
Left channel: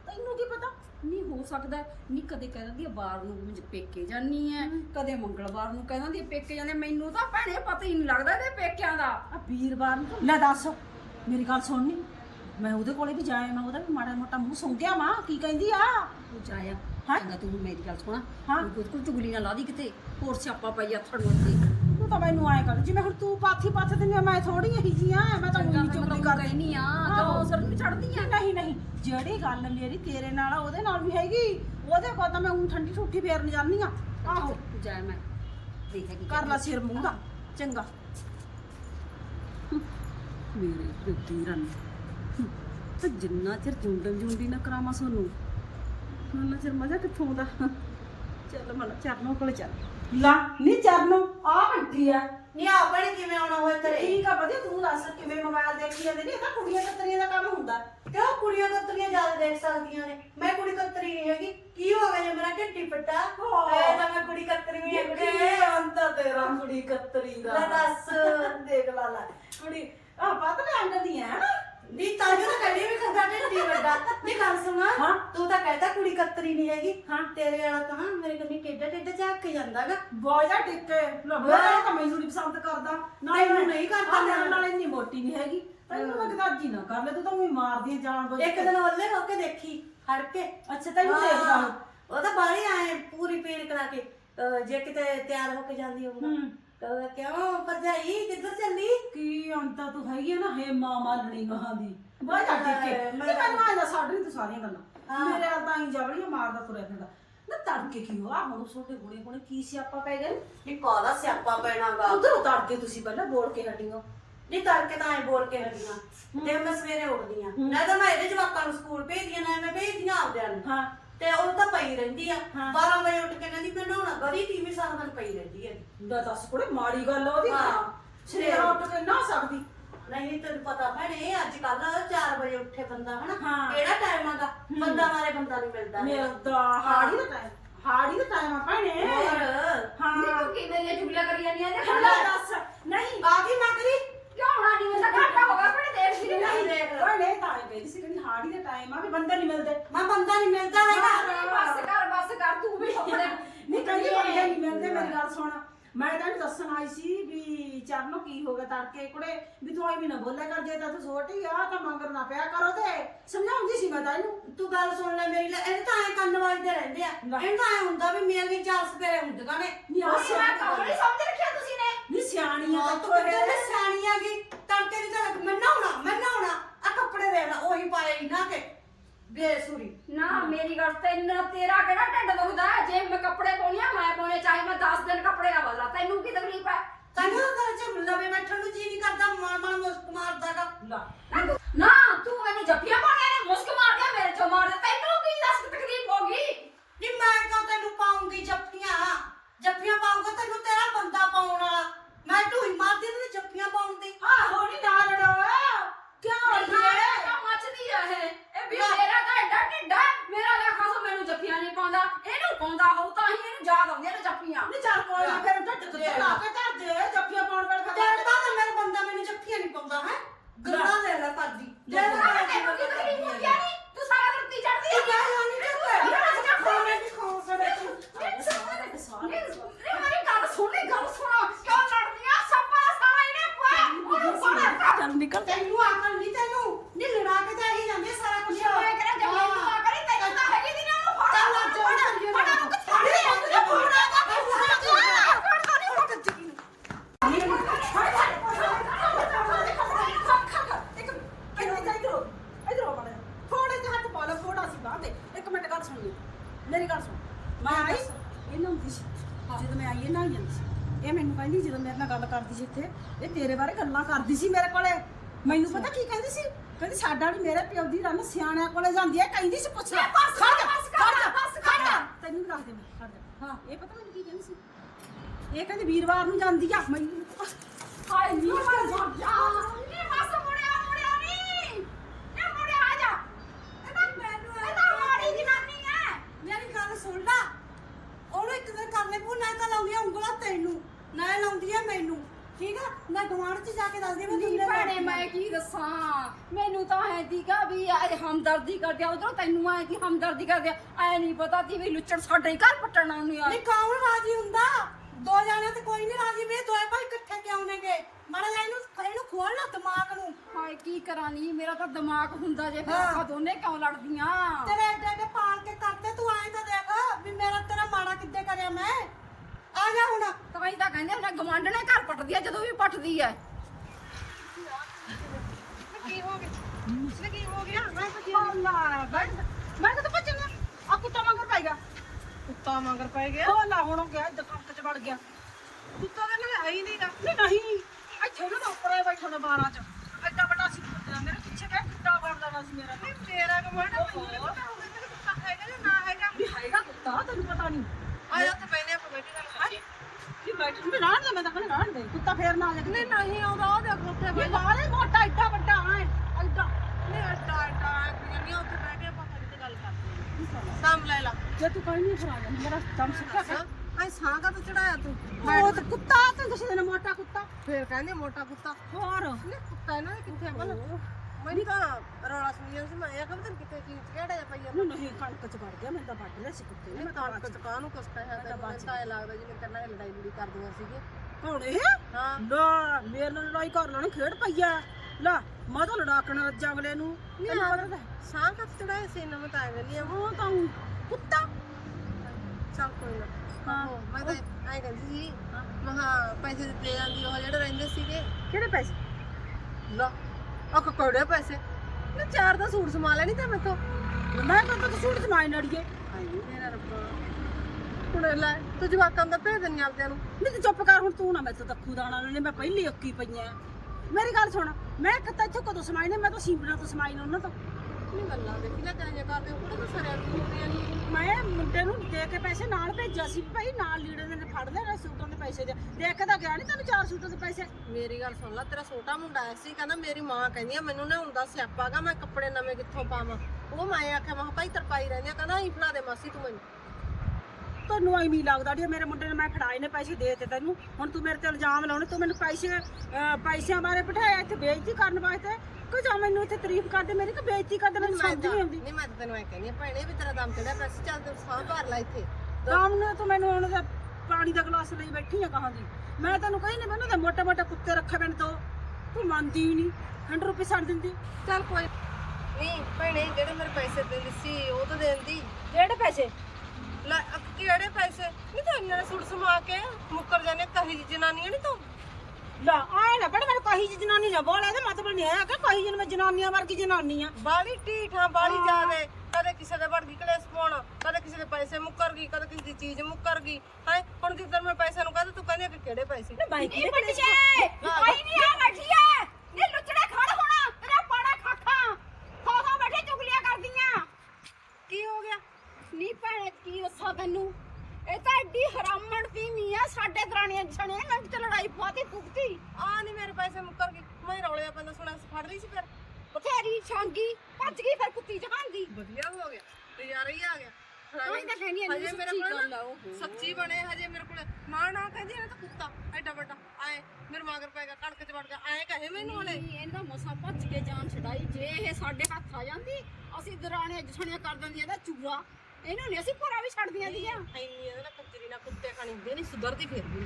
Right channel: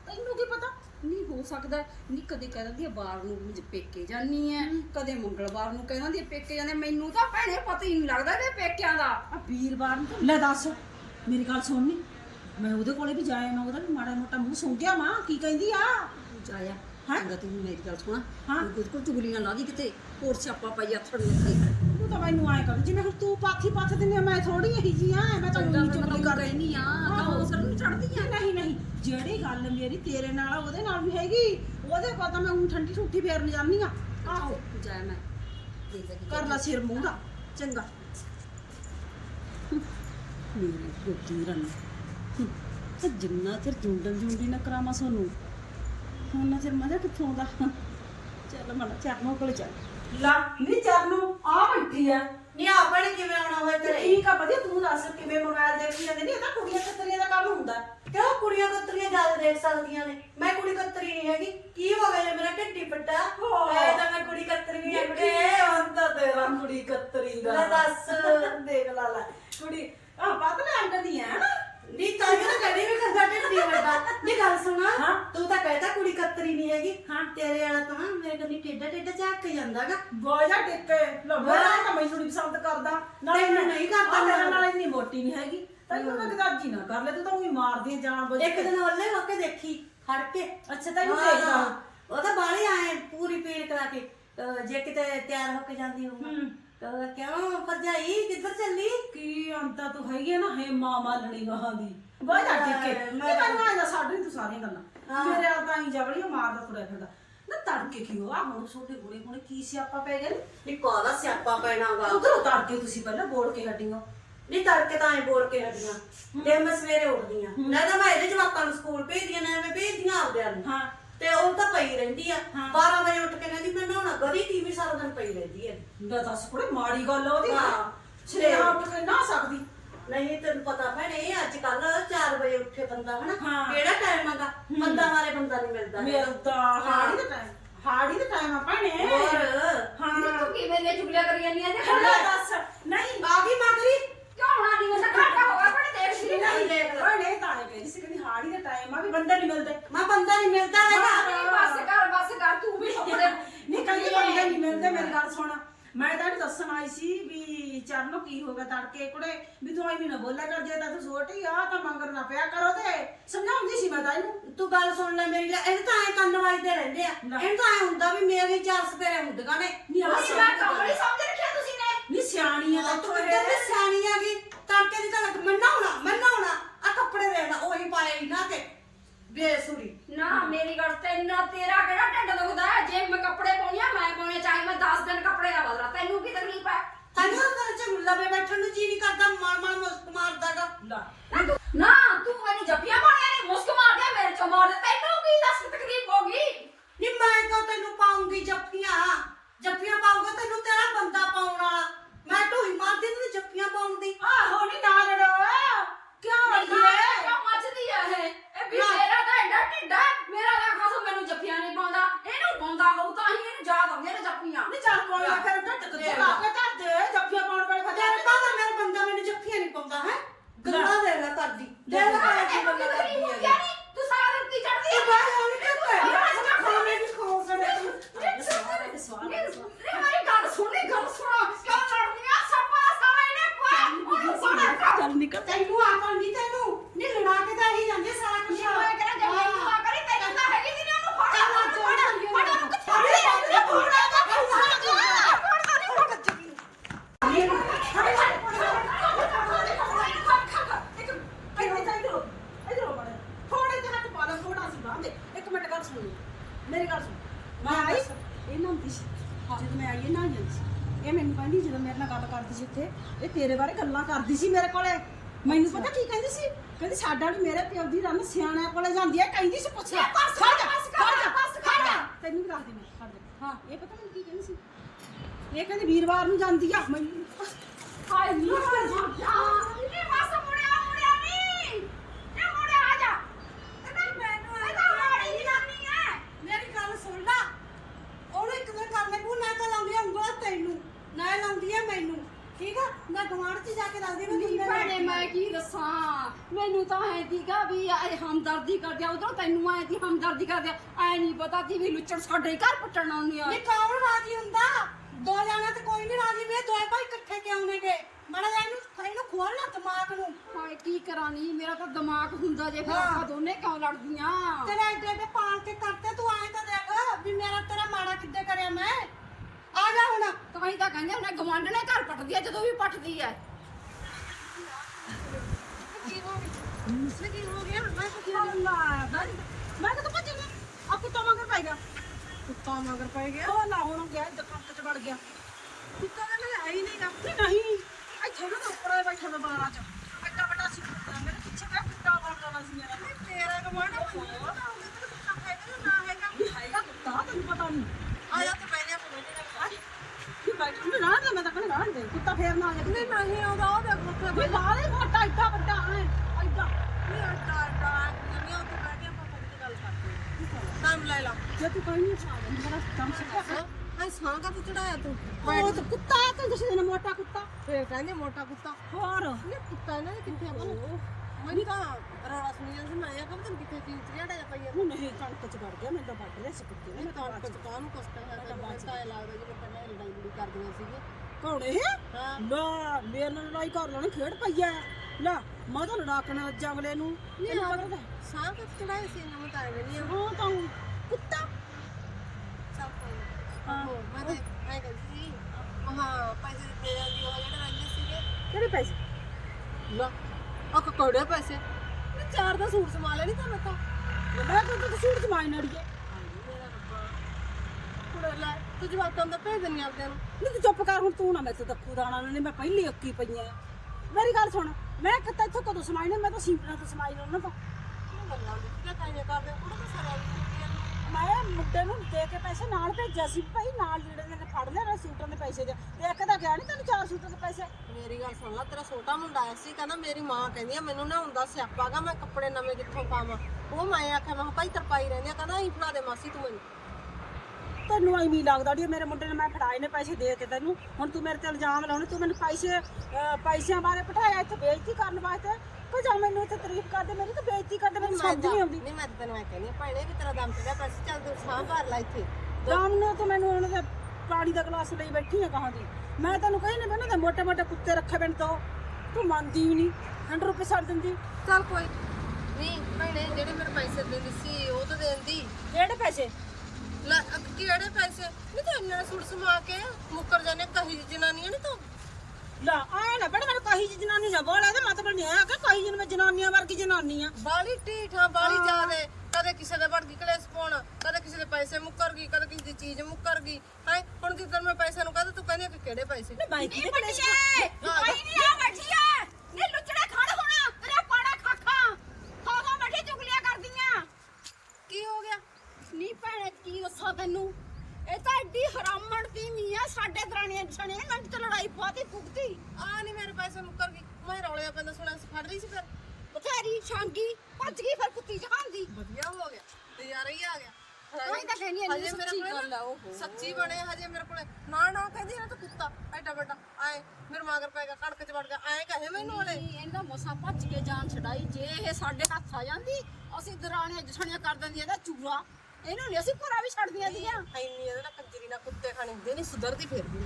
[SPEAKER 3] ਤੈਨੂੰ ਕੀ ਪਤਾ?
[SPEAKER 2] ਨਹੀਂ ਹੋ ਸਕਦਾ ਨਹੀਂ ਕਦੇ ਕਹਿ ਦਿੰਦੀ ਆ ਬਾਰ ਨੂੰ ਮੈਂ ਪੇਕੇ ਜਾਨੀ ਐ। ਕਦੇ ਮੰਗਲਵਾਰ ਨੂੰ ਕਹਿ ਦਿੰਦੀ ਆ ਪੇਕੇ ਜਾਂਦੇ। ਮੈਨੂੰ ਤਾਂ ਭੈਣੇ ਪਤਾ ਹੀ ਨਹੀਂ ਲੱਗਦਾ ਇਹਦੇ ਪੇਕਿਆਂ ਦਾ।
[SPEAKER 3] ਆ ਵੀਰਵਾਰ ਨੂੰ ਤਾਂ- ਲੈ ਦੱਸ ਮੇਰੀ ਗੱਲ ਸੁਣਨੀ ਮੈਂ ਉਹਦੇ ਕੋਲੇ ਵੀ ਜਾਇਆ ਮੈਂ ਉਹਦਾ ਵੀ ਮਾੜਾ ਮੋਟਾ ਮੂੰਹ ਸੁੰਘਿਆ ਮਾਂ ਕੀ ਕਹਿੰਦੀ ਆ?
[SPEAKER 2] ਤੂੰ ਜਾਇਆ
[SPEAKER 3] ਹਾਂ?
[SPEAKER 2] ਚੰਗਾ ਤੂੰ ਮੇਰੀ ਗੱਲ ਸੁਣਾ।
[SPEAKER 3] ਹਾਂ।
[SPEAKER 2] ਚੁਗਲੀ ਨਾ ਲਾ ਦੀ ਕਿਤੇ। ਹੋਰ ਸਿਆਪਾ ਪਾਈ ਹੱਥੜ ਨੂੰ ਇੱਥੇ।
[SPEAKER 3] ਤੂੰ ਤਾਂ ਮੈਨੂੰ ਐਂ ਕਰ ਜਿਵੇਂ ਹੁਣ ਤੂੰ ਪਾਥੀ ਪੱਥ ਦਿੰਦੀ ਆ ਮੈਂ ਥੋੜੀ ਇਹੀ ਜੀ ਆ ਮੈਂ ਤਾਂ ਉਹੀ ਚੁਗਲੀ ਕਰ
[SPEAKER 2] ਕਹਿਨੀ ਆ
[SPEAKER 3] ਆਹੋ।
[SPEAKER 2] ਨੂੰ
[SPEAKER 3] ਨਹੀਂ ਨਹੀਂ ਜਿਹੜੀ ਗੱਲ ਮੇਰੀ ਤੇਰੇ ਨਾਲ ਆ ਉਹਦੇ ਨਾਲ ਵੀ ਹੈਗੀ। ਉਹਦੇ ਕੋਲ ਤਾਂ ਮੈਂ ਉਹ ਠੰਡੀ ਠੂਠੀ ਫੇਰਨ ਜਾਂਦੀ ਆ। ਆਹੋ
[SPEAKER 2] ਤੂੰ ਮੈਂ। ਦੇਖਿਆ ਕੀ
[SPEAKER 3] ਕਰ ਲੈ ਸਿਰ ਮੂੰਹ ਦਾ। ਚੰਗਾ। ਮੇਰੇ ਜੋਤੀ ਰਨ ਤਾਂ ਜਿੰਨਾ ਚਿਰ ਜੁੰਡਨ ਜੁੰਡੀ ਨਾ ਕਰਾਵਾਂ ਸੋਨੂੰ ਉਹਨਾਂ ਚਿਰ ਮਜ਼ਾ ਕਿੱਥੋਂ ਆਉਂਦਾ? ਚੱਲ ਮਨ ਚਰਨੋਂ ਕੋਲੇ ਚੱਲ। ਲਾ ਨਹੀਂ ਚਰਨੋਂ ਆ ਬੈਠੀ ਆ।
[SPEAKER 1] ਨਹੀਂ ਆਪਣ ਕਿਵੇਂ ਆਉਣਾ ਹੋਇਆ ਤੇਰੇ
[SPEAKER 3] ਠੀਕ ਆ ਵਧੀਆ ਤੂੰ ਦੱਸ ਕਿਵੇਂ ਮੋਬਾਈਲ ਦੇਖੀ ਜਾਂਦੀ? ਨਹੀਂ ਇਹ ਤਾਂ ਕੁੜੀਆਂ ਕਤਰੀਆਂ ਦਾ ਕੰਮ ਹੁੰਦਾ।
[SPEAKER 1] ਤੇ ਉਹ ਕੁੜੀਆਂ ਕਤਰੀਆਂ ਜ਼ਿਆਦਾ ਦੇਖ ਸਕਦੀਆਂ ਨੇ। ਮੈਂ ਕੁੜੀ ਕਤਰੀ ਨਹੀਂ ਹੈਗੀ। ਕੀ ਹੋ ਗਿਆ ਜੇ ਮੇਰਾ ਢਿੱਡੀ ਪੱਟਾ
[SPEAKER 3] ਹੋ।
[SPEAKER 1] ਐ ਤਾਂ ਮੈਂ ਕੁੜੀ ਕਤਰੀ ਵੀ
[SPEAKER 3] ਕੀ ਅੰਤਾ ਤੇਰਾ ਕੁੜੀ ਕਤਰੀ ਦਾ।
[SPEAKER 1] ਲੈ ਦੱਸ।
[SPEAKER 3] ਦੇਖ ਲਾ ਲੈ। ਕੁੜੀ ਆ ਪਤਲੇ ਅੰਡ ਦੀ ਹੈ ਨਾ।
[SPEAKER 1] ਨਹੀਂ ਤਾਂ ਨਾ ਕਹਿੰਦੀ ਵੀ ਖੰਦਾ ਢਿੱਡੀ ਵੱਡਾ। ਨਹੀਂ ਗੱਲ ਸੁਣ।
[SPEAKER 3] ਹਾਂ।
[SPEAKER 1] ਤੂੰ ਤਾਂ ਕਹਿੰਦਾ ਕੁੜੀ ਕਤਰੀ ਨਹੀਂ ਹੈਗੀ।
[SPEAKER 3] ਹਾਂ।
[SPEAKER 1] ਤੇਰੇ ਵਾਲਾ ਤਾਂ ਨਾ ਮੇਰੇ ਕੰਨੀ ਟੇਡਾ ਟੇਡਾ ਝਾਕ ਜਾਂਦਾਗਾ।
[SPEAKER 3] ਗੋਜਾ ਟਿੱਕੇ ਲੋ ਗੋਜਾ ਤਾਂ ਮੈਨੂੰ ਨਹੀਂ ਪਸੰਦ ਕਰਦਾ।
[SPEAKER 1] ਤੈਨੂੰ ਨਹੀਂ ਕਰਦਾ ਮੈਂ।
[SPEAKER 3] ਨਾਲ ਇੰਨੀ ਮੋਟੀ ਨਹੀਂ ਹੈਗੀ। ਤੈਨੂੰ ਮੈਂ ਕਦਾਜੀ ਨਾ ਕਰ ਲੈ ਤੂੰ ਤਾਂ ਉਹੀ ਮਾਰਦੀ ਜਾਣ ਬੁੱਝ
[SPEAKER 1] ਇੱਕ
[SPEAKER 3] ਕੇ।
[SPEAKER 1] ਦਿਨ ਉਹਲੇ ਹੋ ਕੇ ਦੇਖੀ ਹੜ ਕੇ।
[SPEAKER 3] ਅੱਛਾ ਤੈਨੂੰ ਦੇਖਦਾ।
[SPEAKER 1] ਹਾਂ, ਉਹ ਤਾਂ ਬਾਹਲੇ ਆਏ ਪੂਰੀ ਪੀੜ ਕਰਾ ਕੇ ਅਹ ਜੇ ਕਿਤੇ ਤਿਆਰ ਹੋ ਕੇ ਜਾਂਦੀ ਹੋਊ
[SPEAKER 3] ਹੂੰ।
[SPEAKER 1] ਤਾਂ ਕਿਉਂ ਭਰਜਾਈ? ਕਿੱਧਰ ਚੱਲੀ?
[SPEAKER 3] ਕੀ ਅੰਤਾ ਤੂੰ ਹੈਗੀ ਆ ਨਾ ਹੇਮਾ ਮਾਲਣੀ ਮਹਾਂ ਦੀ। ਗੋਜਾ ਟਿੱਕੇ
[SPEAKER 1] ਮੈਂ-
[SPEAKER 3] ਮੈਂ ਮੈਨੂੰ ਆਇਆ ਨਹੀਂ ਤੂੰ ਸਾਰੀਆਂ
[SPEAKER 1] ਹਾਂ।
[SPEAKER 3] ਗੱਲਾਂ ਮੇਰੇ ਨਾਲ ਤਾਂ ਹੀ ਜਵਲੀਆਂ ਮਾਰਦਾ ਤੁਰਿਆ ਫਿਰਦਾ। ਨਾ ਤੜਕੇ ਕੀ ਹੋਆ ਹੁਣ ਛੋਟੇ ਹੁਣੇ ਹੁਣੇ ਕੀ ਸਿਆਪਾ ਪੈ ਗਿਆ?
[SPEAKER 1] ਨੀ ਕਾਹਦਾ ਸਿਆਪਾ ਪੈਣਾਗਾ?
[SPEAKER 3] ਉਧਰੋਂ ਤੜਕੇ ਤੁਸੀਂ ਪਹਿਲਾਂ ਬੋਲ ਕੇ ਹਟੀਆਂ।
[SPEAKER 1] ਨਹੀਂ ਤੜਕੇ ਤਾਂ ਐ ਬੋਲ ਕੇ ਹਟੀਆਂ। ਤੇ ਮੈਂ ਸਵੇਰੇ ਉੱਠਦੀ ਆ। ਨਾ ਤਾਂ ਮੈਂ ਇਹਦੇ ਜਵਾਕਾਂ ਨੂੰ ਸਕੂਲ ਭੇਜਦੀਆਂ ਨਾ ਮੈਂ ਭੇਜਦੀਆਂ ਆਪਦਿਆਂ ਨੂੰ।
[SPEAKER 3] ਹਾਂ।
[SPEAKER 1] ਤੇ ਉਹ ਤਾਂ ਪਈ ਰਹਿੰਦੀ ਆ।
[SPEAKER 3] ਹਾਂ।
[SPEAKER 1] 12 ਵਜੇ ਉੱਠ ਕੇ ਗਦੀ ਟੀਵੀ ਸਾਰਾ ਦਿਨ ਪਈ ਰਹਿੰਦੀ ਹੈ।
[SPEAKER 3] ਦਾ ਦੱਸ ਕੁੜੇ ਮਾੜੀ ਗੱਲ ਆ ਉਹਦੀ।
[SPEAKER 1] ਹਾਂ।
[SPEAKER 3] ਸਵੇਰੇ ਉੱਠ ਕੇ ਨਾ ਸਕਦੀ।
[SPEAKER 1] ਨਹੀਂ ਤੈਨੂੰ ਪਤਾ ਭੈਣੇ ਅੱਜ ਕੱਲ 4 ਵਜੇ ਉੱਠੇ ਬੰਦਾ ਹਨਾ?
[SPEAKER 3] ਹਾਂ।
[SPEAKER 1] ਕਿਹੜਾ ਟਾਈਮ ਆਗਾ ਬੰਦਾ ਵਾਲੇ ਬੰਦਾ ਨਹੀਂ ਮਿਲਦਾ।
[SPEAKER 3] ਮੇਰਾ ਤਾਂ ਹਾੜੀ ਦਾ ਟਾਈਮ ਹਾੜੀ ਦਾ ਟਾਈਮ ਆ ਭੈਣੇ।
[SPEAKER 1] ਹੋਰ।
[SPEAKER 3] ਹਾਂ।
[SPEAKER 2] ਤੂੰ ਕਿਵੇਂ ਦੀਆਂ ਚੁਗਲੀਆਂ ਕਰੀ ਜਾਂਦੀਆਂ ਨੇ
[SPEAKER 3] ਖੜਾ ਦੱਸ। ਨਹੀਂ।
[SPEAKER 1] ਆ ਗਈ ਮਗਰੀ
[SPEAKER 2] ਕਿਉਂ ਨਾ? ਨਹੀਂ ਉਹਦਾ ਘਾਟਾ ਹੋ ਗਿਆ ਆਪਣੇ ਦੇਸ਼ ਦੀ
[SPEAKER 1] ਨਹੀਂ ਦੇਖ ਲੈ।
[SPEAKER 3] ਭੈਣੇ ਤਾਂ ਇਹ ਕਹਿੰਦੀ ਸੀ ਕਹਿੰਦੀ ਹਾੜੀ ਦਾ ਟਾਈਮ ਆ ਵੀ ਬੰਦੇ ਨਹੀਂ ਮਿਲਦੇ।
[SPEAKER 1] ਮੈਂ ਬੰਦਾ ਨਹੀਂ ਮਿਲਦਾ ਹੈਗਾ।
[SPEAKER 2] ਬਸ ਕਰ ਬਸ ਕਰ ਤੂੰ ਵੀ ਆਪਣੇ
[SPEAKER 3] ਨਹੀਂ ਕਹਿੰਦੀ ਬੰਦੇ ਨਹੀਂ ਮਿਲਦੇ ਮੇਰੀ ਗੱਲ ਸੁਣ। ਮੈਂ ਤਾਂ ਇਹਨੂੰ ਦੱਸਣ ਆਈ ਸੀ ਵੀ ਚਰਨੋ ਕੀ ਹੋ ਗਿਆ ਤੜਕੇ ਕੁੜੇ ਵੀ ਤੂੰ ਐਵੇਂ ਨਾ ਬੋਲਿਆ ਕਰ ਜੇ ਤਾਂ ਤੂੰ ਛੋਟੀ ਆ ਤਾਂ ਮੰਗਰ ਨਾ ਪਿਆ ਕਰੋ ਤੇ ਸਮਝਾਉਂਦੀ ਸੀ ਮੈਂ ਤਾਂ ਇਹਨੂੰ।
[SPEAKER 1] ਤੂੰ ਗੱਲ ਸੁਣ ਲੈ ਮੇਰੀ ਲੈ ਇਹ ਤਾਂ ਐ ਕੰਨ ਵੱਜਦੇ ਰਹਿੰਦੇ ਆ।
[SPEAKER 3] ਲੈ।
[SPEAKER 1] ਇਹ ਤਾਂ ਐ ਹੁੰਦਾ ਵੀ ਮੇਰੇ ਚਾਰ ਸਪੇਰੇ ਹੁੰਦੀਆਂ ਨੇ।
[SPEAKER 3] ਨਹੀਂ
[SPEAKER 2] ਨਹੀਂ ਮੈਂ ਕਮਲੀ ਸਮਝ ਰੱਖਿਆ ਤੁਸੀਂ ਨੇ?
[SPEAKER 3] ਨਹੀਂ ਸਿਆਣੀ ਆ
[SPEAKER 1] ਤੂੰ
[SPEAKER 3] ਤੂੰ
[SPEAKER 1] ਕਿੱਦਾਂ ਦੀ ਸਿਆਣੀ ਆ ਗਈ। ਤੜਕੇ ਦੀ ਤਾਂ ਮੈਂ ਨਹਾਉਣਾ ਮੈਂ ਨਹਾਉਣਾ ਆ ਕੱਪੜੇ ਲੈ ਉਹੀ ਪਾਏ ਇਹਨਾਂ ਤੇ। ਬੇਸੁਰੀ
[SPEAKER 2] ਨਾ ਮੇਰੀ ਗੱਲ ਤੇ ਨਾ ਤੇਰਾ ਕਿਹੜਾ ਢਿੱਡ ਦੁਖਦਾ ਹੈ? ਜੇ ਮੈਂ ਕੱਪੜੇ ਪਾਉਣੀਆਂ ਮੈਂ ਪਾਉਣੇ ਚਾਹੇ ਮੈਂ 10 ਦਿਨ ਕੱਪੜੇ ਨਾ ਬਦਲਾ। ਤੈਨੂੰ ਕੀ ਤਕਲੀਫ ਹੈ?
[SPEAKER 1] ਤੈਨੂੰ ਤਾਂ ਤੇਰੇ ਚ ਲਵੇ ਬੈਠਣ ਨੂੰ ਜੀ ਨਹੀਂ ਕਰਦਾ ਮਨ ਮਨ ਮੁਸਕ ਮਾਰਦਾਗਾ।
[SPEAKER 3] ਲਾ
[SPEAKER 2] ਨਾ ਤੂੰ ਮੈਨੂੰ ਜੱਫੀਆਂ ਪਾਉਣੀਆਂ ਨੇ ਮੁਸਕ ਮਾਰ ਕੇ ਮੇਰੇ ਚੋਂ ਮਾਰ ਦੇ। ਤੈਨੂੰ ਕੀ ਦੱਸ ਤਕਲੀਫ ਹੋ ਗਈ?
[SPEAKER 1] ਨੀ ਮੈਂ ਕਿਉਂ ਤੈਨੂੰ ਪਾਉਂਗੀ ਜੱਫੀਆਂ? ਜੱਫੀਆਂ ਪਾਉਂਗਾ ਤੈਨੂੰ ਤੇਰਾ ਬੰਦਾ ਪਾਉਣ ਵਾਲਾ। ਮੈਂ ਢੂਈ ਮਾਰਦੀ ਤੈਨੂੰ ਜੱਫੀਆਂ ਪਾਉਣ ਦੀ।
[SPEAKER 3] ਆਹੋ ਨਹੀਂ ਨਾ ਲੜੋ। ਕਿਉਂ?
[SPEAKER 2] ਨਹੀਂ
[SPEAKER 3] ਇਹ
[SPEAKER 2] ਕਿਉਂ ਮੱਚਦੀ ਆ ਇਹ। ਇਹ ਵੀ
[SPEAKER 1] ਨਾ।
[SPEAKER 2] ਮੇਰਾ ਢਿੱਡ ਮੇਰਾ ਤਾਂ ਖਾਸ ਮੈਨੂੰ ਜੱਫੀਆਂ ਨਹੀਂ ਪਾਉਂਦਾ ਇਹਨੂੰ ਪਾਉਂਦਾ ਹੋਊ ਤਾਂ ਹੀ ਇਹਨੂੰ ਯਾਦ ਆਉਂਦੀਆਂ ਨੇ ਜੱਫੀਆਂ
[SPEAKER 3] ਨਹੀਂ ਚੱਲ ਕੋਈ ਨਾ ਫਿਰ ਢੱਟ ਕੇ ਲਾ ਕੇ ਧਰ ਦੇ ਜੱਫੀਆਂ ਪਾਉਣ ਵੇਲੇ
[SPEAKER 1] ਤੇ
[SPEAKER 3] ਖਤਮ
[SPEAKER 1] ਤਾਂ ਮੇਰਾ ਬੰਦਾ ਮੈਨੂੰ ਜੱਫੀਆਂ ਨਹੀਂ ਪਾਉਂਦਾ ਹੈ ਗੱਲਾਂ ਦੇ ਲੈ ਕਰਦੀ ਦੇ
[SPEAKER 2] ਤੈਨੂੰ
[SPEAKER 1] ਕਰਦੀ ਹੈ
[SPEAKER 2] ਆ ਨੀ? ਤੂੰ ਸਾਰਾ ਦਿਨ ਕੀ ਚੜਦੀ
[SPEAKER 1] ਇਹ ਬਾਹਰ ਆਉਣੀ ਤੇ ਮੈਂ ਨਹੀਂ ਖਾਉਂ ਸੜੇ
[SPEAKER 2] ਮੇਰੀ ਗੱਲ ਸੁਣੀ ਗੱਲ ਸੁਣੋ ਕਿਉਂ ਲੜਦੀਆਂ ਸੱਪਾ ਸਵਾ ਇਹਨੇ ਪਾ
[SPEAKER 3] ਚੱਲ ਨਿਕਲ
[SPEAKER 1] ਤੈਨੂੰ ਆਕਲ ਨਹੀਂ ਤੈਨੂੰ ਨੀ ਲੜਾ ਕੇ ਤਾਂ ਇਹੀ ਜਾਂਦੇ ਸਾਰਾ ਕੁਝ
[SPEAKER 2] ਮੈਂ ਕਰਾਂ ਜਦ ਮੈਂ ਤੂੰ ਆ ਕਰੀ ਤੈਨੂੰ ਤਾਂ ਹੈਗੀ ਦੀ ਨਾ ਉਹਨੂੰ ਫੜ ਫੜ ਫੜ ਉਹਨੂੰ ਕਿੱਥੇ ਫੜ
[SPEAKER 3] ਮੇਰੀ ਗੱਲ ਸੁਣ ਮੈਂ ਆਈ ਇਹ ਨਾ ਹੁੰਦੀ ਜਦੋਂ ਮੈਂ ਆਈ ਇਹ ਨਾ ਸੀ ਇਹ ਮੈਨੂੰ ਕਹਿੰਦੀ ਜਦੋਂ। ਮੇਰੇ ਨਾਲ ਗੱਲ ਕਰਦੀ ਸੀ ਇੱਥੇ ਇਹ ਤੇਰੇ ਬਾਰੇ ਗੱਲਾਂ ਕਰਦੀ ਸੀ ਮੇਰੇ ਕੋਲੇ ਮੈਨੂੰ ਪਤਾ ਕੀ ਕਹਿੰਦੀ ਸੀ ਕਹਿੰਦੀ ਸਾਡਾ ਵੀ ਮੇਰੇ ਪਿਓ ਦੀ ਰੰਨ ਸਿਆਣਿਆਂ ਕੋਲੇ ਜਾਂਦੀ ਹੈ ਕਹਿੰਦੀ ਸੀ ਪੁੱਛ ਲੈ ਖੜ ਜਾ ਖੜ ਜਾ ਖੜ ਜਾ ਤੈਨੂੰ ਵੀ ਦੱਸ ਦੇ ਮੈਂ ਖੜ ਜਾ
[SPEAKER 2] ਹਾਂ।
[SPEAKER 3] ਇਹ ਪਤਾ ਮੈਨੂੰ ਕੀ ਕਹਿੰਦੀ ਸੀ ਇਹ ਕਹਿੰਦੀ ਵੀਰਵਾਰ ਨੂੰ ਜਾਂਦੀ ਆ ਮੈਨੂੰ
[SPEAKER 2] ਹਾਏ ਨੀ ਮੈਂ ਮਰ ਜਾ ਇਹ ਬਸ ਮੁੜਿਆ ਮੁੜਿਆ ਨੀ ਇਹ ਮੁੜਿਆ ਆ ਜਾ ਇਹ ਤਾਂ ਮੈਨੂੰ ਇਹ ਤਾਂ ਮਾੜੀ ਜਨਾਨੀ ਹੈ
[SPEAKER 4] ਮੇਰੀ ਗੱਲ ਸੁਣ ਲੈ ਉਹਨੂੰ ਇੱਕ ਦਿਨ ਕਰਨੇ ਪੂ ਨਾ ਤਾਂ ਲਾਉਂਦੀ ਆ ਉਂਗਲਾਂ ਤੈਨੂੰ ਨਾ ਲਾਉਂਦੀ ਆ ਮੈਨੂੰ ਠੀਕ ਆ ਮੈਂ ਗਵਾਂਢ ਚ ਜਾ ਕੇ ਦੱਸਦੀ ਆ ਵੀ
[SPEAKER 2] ਨੀ
[SPEAKER 4] ਤੂੰ
[SPEAKER 2] ਭੈਣੇ ਮੈਂ ਦੱਸਾਂ ਮੈਨੂੰ ਤਾਂ ਐ ਦੀਗਾ ਵੀ ਐ ਹਮਦਰਦੀ ਕਰ ਗਿਆ ਉਧਰੋਂ ਤੈਨੂੰ ਐ ਦੀ ਹਮਦਰਦੀ ਕਰ ਗਿਆ ਐ ਨਹੀਂ ਪਤਾ ਤੀ ਵੀ ਲੁੱਚੜ ਸਾਡੇ ਹੀ ਘਰ ਪੱਟਣ ਆਉਣੀ ਆ।
[SPEAKER 4] ਨਹੀਂ ਕੌਣ ਰਾਜੀ ਹੁੰਦਾ? ਦੋ ਜਾਣੇ ਤੇ ਕੋਈ ਨਹੀਂ ਰਾਜੀ ਵੀ ਇਹ ਦੋਏ ਭਾਈ ਇਕੱਠੇ ਕਿਉਂ ਨੇਗੇ? ਮਾੜਾ ਜਿਹਾ ਇਹਨੂੰ ਇਹਨੂੰ ਖੋਲ ਨਾ ਦਿਮਾਗ ਨੂੰ।
[SPEAKER 2] ਹਾਏ ਕੀ ਕਰਾਂ ਨੀ ਮੇਰਾ ਤਾਂ ਦਿਮਾਗ ਹੁੰਦਾ ਜੇ ਫਿਰ
[SPEAKER 4] ਹਾਂ।
[SPEAKER 2] ਆਪਾਂ ਦੋਨੇ ਕਿਉਂ ਲੜਦੀਆਂ?
[SPEAKER 4] ਤੇਰੇ ਐਡੇ ਐਡੇ ਪਾਲ ਕੇ ਕਰਤੇ ਤੂੰ ਆਏ ਤਾਂ ਦੇਖ ਵੀ ਮੇਰਾ ਤੇਰਾ ਮਾੜਾ ਕਿੱਦੇ ਕਰਿਆ ਮੈਂ। ਆ ਜਾ ਹੁਣ।
[SPEAKER 2] ਤਾਂ ਹੀ ਤਾਂ ਕਹਿੰਦੇ ਉਹਨੇ ਗਵਾਂਢਣੇ ਘਰ ਪੱਟਦੀ ਆ ਜਦੋਂ ਵੀ ਪੱਟਦੀ ਐ
[SPEAKER 3] ਕੀ ਹੋ ਗਿਆ ਮੈਂ ਤਾਂ ਕੀ ਅੱਲਾ ਮੈਂ ਤਾਂ ਭੱਜਣਾ ਆ ਕੁੱਤਾ ਮੰਗਰ ਪਾਏਗਾ
[SPEAKER 4] ਕੁੱਤਾ ਮਗਰ ਪੈ ਗਿਆ
[SPEAKER 3] ਉਹ ਲਾ ਹੁਣ ਗਿਆ ਇੱਧਰ ਕੰਪ ਚ ਵੜ ਗਿਆ ਕੁੱਤਾ ਮੈਨੂੰ ਹੈ ਹੀ ਨਹੀਂਗਾ ਨਹੀਂ ਨਹੀਂ ਇੱਥੇ ਨਾ ਉੱਪਰ ਬੈਠਾ ਨਾ ਬਾਰਾਂ ਚ ਐਡਾ ਵੱਡਾ ਸੀ ਕੁੱਤਾ ਮੇਰੇ ਪਿੱਛੇ ਮੈਂ ਕੁੱਤਾ ਫੜ ਲੈਣਾ ਸੀ ਮੇਰਾ ਨਹੀਂ
[SPEAKER 4] ਤੇਰਾ ਕਮਾਂਡਾ ਕੁੱਤਾ ਹੈਗਾ ਜਾਂ ਨਾ ਹੈਗਾ
[SPEAKER 3] ਵੀ ਹੈਗਾ ਕੁੱਤਾ ਤੈਨੂੰ ਪਤਾ ਨਹੀਂ
[SPEAKER 4] ਆ ਜਾ ਤੂੰ ਬੈਨੇ ਆਪਾਂ ਬੈਠੇ ਗੱਲ
[SPEAKER 3] ਕੀ ਬੈਠੀ ਮੈਂ ਰਾਣ ਦੇ ਮੈਂ ਤਾਂ ਕਹਿੰਦਾ ਰਾਣ ਦੇ ਕੁੱਤਾ ਫੇਰ ਨਾ ਆ ਜਾਵੇ
[SPEAKER 4] ਨਹੀਂ ਨਹੀਂ ਆਉਂਦਾ ਉਹ ਦੇਖ ਉੱਥੇ
[SPEAKER 3] ਵੀ ਬਾਲੇ ਮੋਟਾ ਐਡਾ ਵੱਡਾ ਹੈ ਐਡਾ
[SPEAKER 4] ਨਹੀਂ ਅੱਡਾ ਅੱਡਾ ਨਹੀਂ ਉੱਥੇ ਬੈਠ ਕੇ ਆਪਾਂ ਕਦੇ ਗੱਲ ਕਰਦੇ ਹਾਂ। ਕੰਮ ਲੈ ਲਾ।
[SPEAKER 3] ਜੇ ਤੂੰ ਨਹੀਂ ਫੜਾ ਜਾ ਮੇਰਾ ਕੰਮ ਸਿੱਖਿਆ ਕਰ।
[SPEAKER 4] ਹਾਂ ਸਾਂ ਕਾ ਤੇ ਚੜਾਇਆ ਤੂੰ?
[SPEAKER 3] ਉਹ ਤਾਂ ਕੁੱਤਾ ਤੈਨੂੰ ਦੱਸ ਦੇਣਾ ਮੋਟਾ ਕੁੱਤਾ।
[SPEAKER 4] ਫੇਰ ਕਹਿੰਦੇ ਮੋਟਾ ਕੁੱਤਾ।
[SPEAKER 3] ਹੋਰ?
[SPEAKER 4] ਨਹੀਂ ਕੁੱਤਾ ਇਹਨਾਂ ਦੇ ਕਿੱਥੇ ਆ ਭਲਾ? ਮੈਨੂੰ ਤਾਂ ਰੌਲਾ ਸੁਣੀਆਂ ਸੀ ਮੈਂ ਇਹ ਕਬ ਤੈਨੂੰ ਕਿੱਥੇ ਚੀਜ਼ ਕਿਹੜਾ ਜਿਹਾ ਪਈਆ
[SPEAKER 3] ਨੂੰ ਨਹੀਂ ਕਣਕ ਚ ਵੜ ਗਿਆ ਮੈਂ ਤਾਂ ਵੱਢ ਲਿਆ ਸੀ ਕੁੱਤੇ ਨੇ
[SPEAKER 4] ਮੈਂ ਤਾਂ ਕਦ ਕਾਹਨੂੰ ਕੁਛ ਕਹਿਆ ਤੇ ਮੈਨੂੰ ਤਾਂ ਇਹ ਲੱਗਦਾ ਜਿਵੇਂ ਤੇਰੇ ਨਾਲ ਇਹ ਲੜਾਈ ਲੜੀ ਕਰਦੀਆਂ ਸੀਗੀਆਂ।
[SPEAKER 3] ਕੌਣ ਇਹ?
[SPEAKER 4] ਹਾਂ।
[SPEAKER 3] ਲਾ ਮੇਰੇ ਨਾਲ ਲੜਾਈ ਕਰ ਲੈਣ ਖੇਡ ਪਈਆ ਲਾ ਮੈਂ ਤਾਂ ਲੜਾਕਣ ਰੱਜਾ ਅਗਲੇ ਨੂੰ ਤੈਨੂੰ ਪਤਾ ਤਾਂ ਹੈ।
[SPEAKER 4] ਸਾਂ ਕਾ ਚੜਾਇਆ ਸੀ ਨਾ ਮੈਂ ਤਾਂ ਆ ਗਈ ਆ
[SPEAKER 3] ਹਾਂ ਤਾਂ ਊਂ ਕੁੱਤਾ।
[SPEAKER 4] ਚੱਲ ਕੋਈ ਨਾ।
[SPEAKER 3] ਹਾਂ।
[SPEAKER 4] ਆਹੋ, ਮੈਂ ਤਾਂ ਐ ਕਹਿੰਦੀ ਸੀ ਮਹਾ ਪੈਸੇ ਦੇ ਜਾਂਦੀ ਉਹ ਜਿਹੜੇ ਰਹਿੰਦੇ ਸੀਗੇ।
[SPEAKER 3] ਕਿਹੜੇ ਪੈਸੇ?
[SPEAKER 4] ਲਾ ਆ ਕੋੜੇ ਪੈਸੇ? ਨਾ ਚਾਰ ਦਾ ਸੂਟ ਸਮਾ ਲੈਣੀ ਤਾਂ ਮੈਥੋਂ
[SPEAKER 3] ਮੈਂ ਕਹਿੰਦਾ ਤੂੰ ਸੂਟ ਜਮਾਈ ਨੜੀਏ
[SPEAKER 4] ਹਾਏ ਮੇਰਾ ਰੱਬਾ। ਕੁੜੇ ਲੈ ਤੂੰ ਜਵਾਕਾਂ ਦਾ ਭੇਜ ਦਿੰਨੀ ਆਪਦਿਆਂ ਨੂੰ।
[SPEAKER 3] ਨਹੀਂ ਤੂੰ ਚੁੱਪ ਕਰ ਹੁਣ ਤੂੰ ਨਾ ਮੈਥੋਂ ਦੱਖੂ ਦਾਣਾ ਨੇ ਮੈਂ ਪਹਿਲੀ ਅੱਕੀ ਪਈਆਂ ਮੇਰੀ ਗੱਲ ਸੁਣ ਮੈਂ ਕਿਤਾ ਇੱਥੋਂ ਕਦੋਂ ਸਮਾਈ ਨੇ? ਮੈਂ ਤਾਂ ਸੀਪਣਾ ਤੋਂ ਸਮਾਈ ਨੇ ਉਹਨਾਂ ਤੋਂ।
[SPEAKER 4] ਗੱਲਾਂ ਦੇਖੀ ਲੈ ਕਾਈਆਂ ਕਰਦੇ ਕੁੜੇ ਤਾਂ ਸਰਿਆ ਵੀ ਹੁੰਦੀਆਂ ਨੇ?
[SPEAKER 3] ਮੈਂ ਮੁੰਡੇ ਨੂੰ ਦੇ ਕੇ ਪੈਸੇ ਨਾਲ ਭੇਜਿਆ ਸੀ ਭਾਈ ਨਾਲ ਲੀੜੇ ਨੇ ਫੜ ਲਿਆ ਸੂਟਾਂ ਦੇ ਪੈਸੇ ਦੇ। ਦੇਖਦਾ ਗਿਆ ਨਹੀਂ ਤੈਨੂੰ ਚਾਰ ਸੂਟਾਂ ਦੇ ਪੈਸੇ?
[SPEAKER 4] ਮੇਰੀ ਗੱਲ ਸੁਣ ਲੈ ਤੇਰਾ ਛੋਟਾ ਮੁੰਡਾ ਆਇਆ ਸੀ ਕਹਿੰਦਾ ਮੇਰੀ ਮਾਂ ਕਹਿੰਦੀ ਆ ਮੈਨੂੰ ਨਾ ਹੁੰਦਾ ਸਿਆਪਾਗਾ ਮੈਂ ਕੱਪੜੇ ਨਵੇਂ ਕਿੱਥੋਂ ਪਾਵਾਂ। ਉਹ ਮੈਂ ਆਖਿਆ ਮੈਂ ਕਿਹਾ ਭਾਈ ਤਰਪਾਈ ਰਹਿੰਦੇ ਆ ਕਹਿੰਦਾ ਹੀ ਫੜਾ ਦੇ ਮਾਸੀ ਤੂੰ ਮੈਨੂੰ।
[SPEAKER 3] ਨਹੀਂ ਲੱਗਦਾ ਡੀ ਮੇਰੇ ਮੁੰਡੇ ਨੇ ਮੈਂ ਫੜਾਏ ਨੇ ਪੈਸੇ ਦੇ ਤੇ ਤੈਨੂੰ? ਹੁਣ ਤੂੰ ਮੇਰੇ ਤੇ ਇਲਜ਼ਾਮ ਲਾਉਣੇ ਤੂੰ ਮੈਨੂੰ ਪੈਸੇ ਅਹ, ਪੈਸਿਆਂ ਬਾਰੇ ਬਿਠਾਇਆ ਇੱਥੇ ਬੇਇੱਜ਼ਤੀ ਕਰਨ ਵਾਸਤੇ? ਕੋਈ ਜਾ ਮੈਨੂੰ ਇੱਥੇ ਤਾਰੀਫ ਕਰਦੇ ਮੇਰੀ ਤਾਂ ਬੇਇੱਜ਼ਤੀ ਕਰਦੇ ਮੈਨੂੰ ਸਮਝ ਨਹੀਂ ਆਉਂਦੀ।
[SPEAKER 4] ਨਹੀਂ ਮੈਂ ਤਾਂ ਤੈਨੂੰ ਐ ਕਹਿੰਦੀ ਆ ਭੈਣੇ ਵੀ ਤੇਰਾ ਦਮ ਚੜਿਆ ਪੈਸੇ ਚੱਲ ਤੂੰ ਸਾਹ ਭਰ ਲੈ ਇੱਥੇ।
[SPEAKER 3] ਰਾਮ ਨੇ ਤੂੰ ਮੈਨੂੰ ਹੁਣ ਦਾ ਪਾਣੀ ਦਾ ਗਲਾਸ ਲਈ ਬੈਠੀ ਆ ਕਹਾਂ ਦੀ। ਮੈਂ ਤੈਨੂੰ ਕਹੀ ਨਹੀਂ ਮੈਨੂੰ ਤਾਂ ਮੋਟੇ ਮੋਟੇ ਕੁੱਤੇ ਰੱਖੇ ਬਿਨ ਤੋਂ ਤੂੰ ਮੰਨਦੀ ਹੀ ਨਹੀਂ 100 ਰੁਪਏ ਛੱਡ ਦਿੰਦੀ।
[SPEAKER 4] ਚੱਲ ਕੋਈ ਨਹੀਂ ਭੈਣੇ ਜਿਹੜੇ ਮੇਰੇ ਪੈਸੇ ਦਿੰਦੀ ਸੀ ਉਹ ਤਾਂ ਦੇਂਦੀ।
[SPEAKER 3] ਕਿਹੜੇ ਪੈਸੇ?
[SPEAKER 4] ਲੈ ਕਿਹੜੇ ਪੈਸੇ? ਨਹੀਂ ਤਾਂ ਇੰਨਾ ਸੂਟ ਸਮਾ ਕੇ ਮੁੱਕਰ ਜਾਣੇ ਕਹੀ ਦੀ ਜਨਾਨੀਆਂ ਨਹੀਂ ਤੂੰ।
[SPEAKER 3] ਲਾ ਆ ਨਾ ਬੜ ਮੈਨੂੰ ਕਹੀ ਜੀ ਜਨਾਨੀ ਨਾ ਬੋਲ ਇਹਦਾ ਮਤਲਬ ਨਹੀਂ ਹੈ ਕਿ ਕਹੀ ਜੀ ਮੈਂ ਜਨਾਨੀਆਂ ਵਰਗੀ ਜਨਾਨੀ ਆ।
[SPEAKER 4] ਬਾਲੀ ਢੀਠਾਂ ਬਾਲੀ ਜਾਦੇ। ਕਦੇ ਕਿਸੇ ਦੇ ਵੜ ਗਈ ਕਲੇਸ਼ ਪਾਉਣਾ ਕਦੇ ਕਿਸੇ ਦੇ ਪੈਸੇ ਮੁੱਕਰ ਗਈ ਕਦੇ ਕਿਸੇ ਦੀ ਚੀਜ਼ ਮੁੱਕਰ ਗਈ। ਹੈ? ਹੁਣ ਜਿੱਦਣ ਮੈਂ ਪੈਸੇ ਨੂੰ ਕਹਿੰਦਾ ਤੂੰ ਕਹਿੰਦੀ ਆ ਕਿ ਕਿਹੜੇ ਪੈਸੇ?
[SPEAKER 3] ਬਾਈ
[SPEAKER 2] ਨੀ ਬੱਟੀਏ ਕੋਈ ਨਹੀਂ ਆ ਬੈਠੀਏ ਨੀ ਲੁੱਚੜੇ ਖੜ ਹੋਣਾ ਤੇਰਾ ਪਾੜਾ ਖਾਖਾਂ। ਖੋ ਖੋ ਬੈਠੇ ਚੁਗਲੀਆਂ ਕਰਦੀਆਂ।
[SPEAKER 4] ਕੀ ਹੋ ਗਿਆ?
[SPEAKER 2] ਨੀ ਭੈਣੇ ਕੀ ਦੱਸਾਂ ਤੈਨੂੰ? ਇਹ ਤਾਂ ਐਡੀ ਹਰਾਮਣ ਦੀ ਮੀ ਆ? ਸਾਡੇ ਦਰਾਣੀਆਂ ਜਣੇ ਨੰਦ ਚ ਲੜਾਈ ਪਾਤੀ ਫੁਕਤੀ।
[SPEAKER 4] ਆ ਨਹੀਂ ਮੇਰੇ ਪੈਸੇ ਮੁੱਕਰ ਗਈ ਮੈਂ ਰੌਲੇ ਪੈਂਦਾ ਸੁਣਿਆ ਸੀ ਫੜ ਲਈ ਸੀ ਫਿਰ।
[SPEAKER 2] ਬਥੇਰੀ ਛਾਂਗੀ ਭੱਜ ਗਈ ਫਿਰ ਕੁੱਤੀ ਜਹਾਂਦੀ
[SPEAKER 4] ਵਧੀਆ ਹੋ ਗਿਆ ਨਜ਼ਾਰਾ ਹੀ ਆ ਗਿਆ।
[SPEAKER 2] ਹੀ ਤਾਂ ਨੀ
[SPEAKER 4] ਹਜੇ ਮੇਰੇ ਕੋਲ ਨਾ। ਸੱਚੀ ਬਣੇ ਹਜੇ ਮੇਰੇ ਕੋਲ। ਨਾ ਨਾ ਕਹਿੰਦੀ ਨਾ ਤਾਂ ਕੁੱਤਾ ਐਡਾ ਵੱਡਾ। ਆਏ ਮੇਰੇ ਮਗਰ ਪੈ ਗਿਆ ਕੜਕ ਚ ਵੜ ਗਿਆ। ਐ ਕਹੇ ਮੈਨੂੰ ਹਲੇ।
[SPEAKER 2] ਇਹਦਾ ਮਸਾ ਭੱਜ ਕੇ ਜਾਨ ਛਡਾਈ ਜੇ ਇਹ ਸਾਡੇ ਹੱਥ ਆ ਜਾਂਦੀ ਅਸੀਂ ਦਰਾਣੀਆਂ ਜਠਣੀਆਂ ਕਰ ਦਿੰਦੀ ਇਹਦਾ ਚੂਰਾ ਇਹਨੂੰ ਨਹੀਂ ਅਸੀਂ ਭਰਾ ਵੀ ਛੱਡਦੀਆਂ ਦੀਆਂ
[SPEAKER 4] ਐਨੀ ਇਹਦੇ ਨਾਲ ਕੰਜਰੀ ਨਾਲ ਕੁੱਤੇ ਖਾਣੀ ਹੁੰਦੀ ਨਹੀਂ ਸੁਧਰਦੀ ਫੇਰ ਵੀ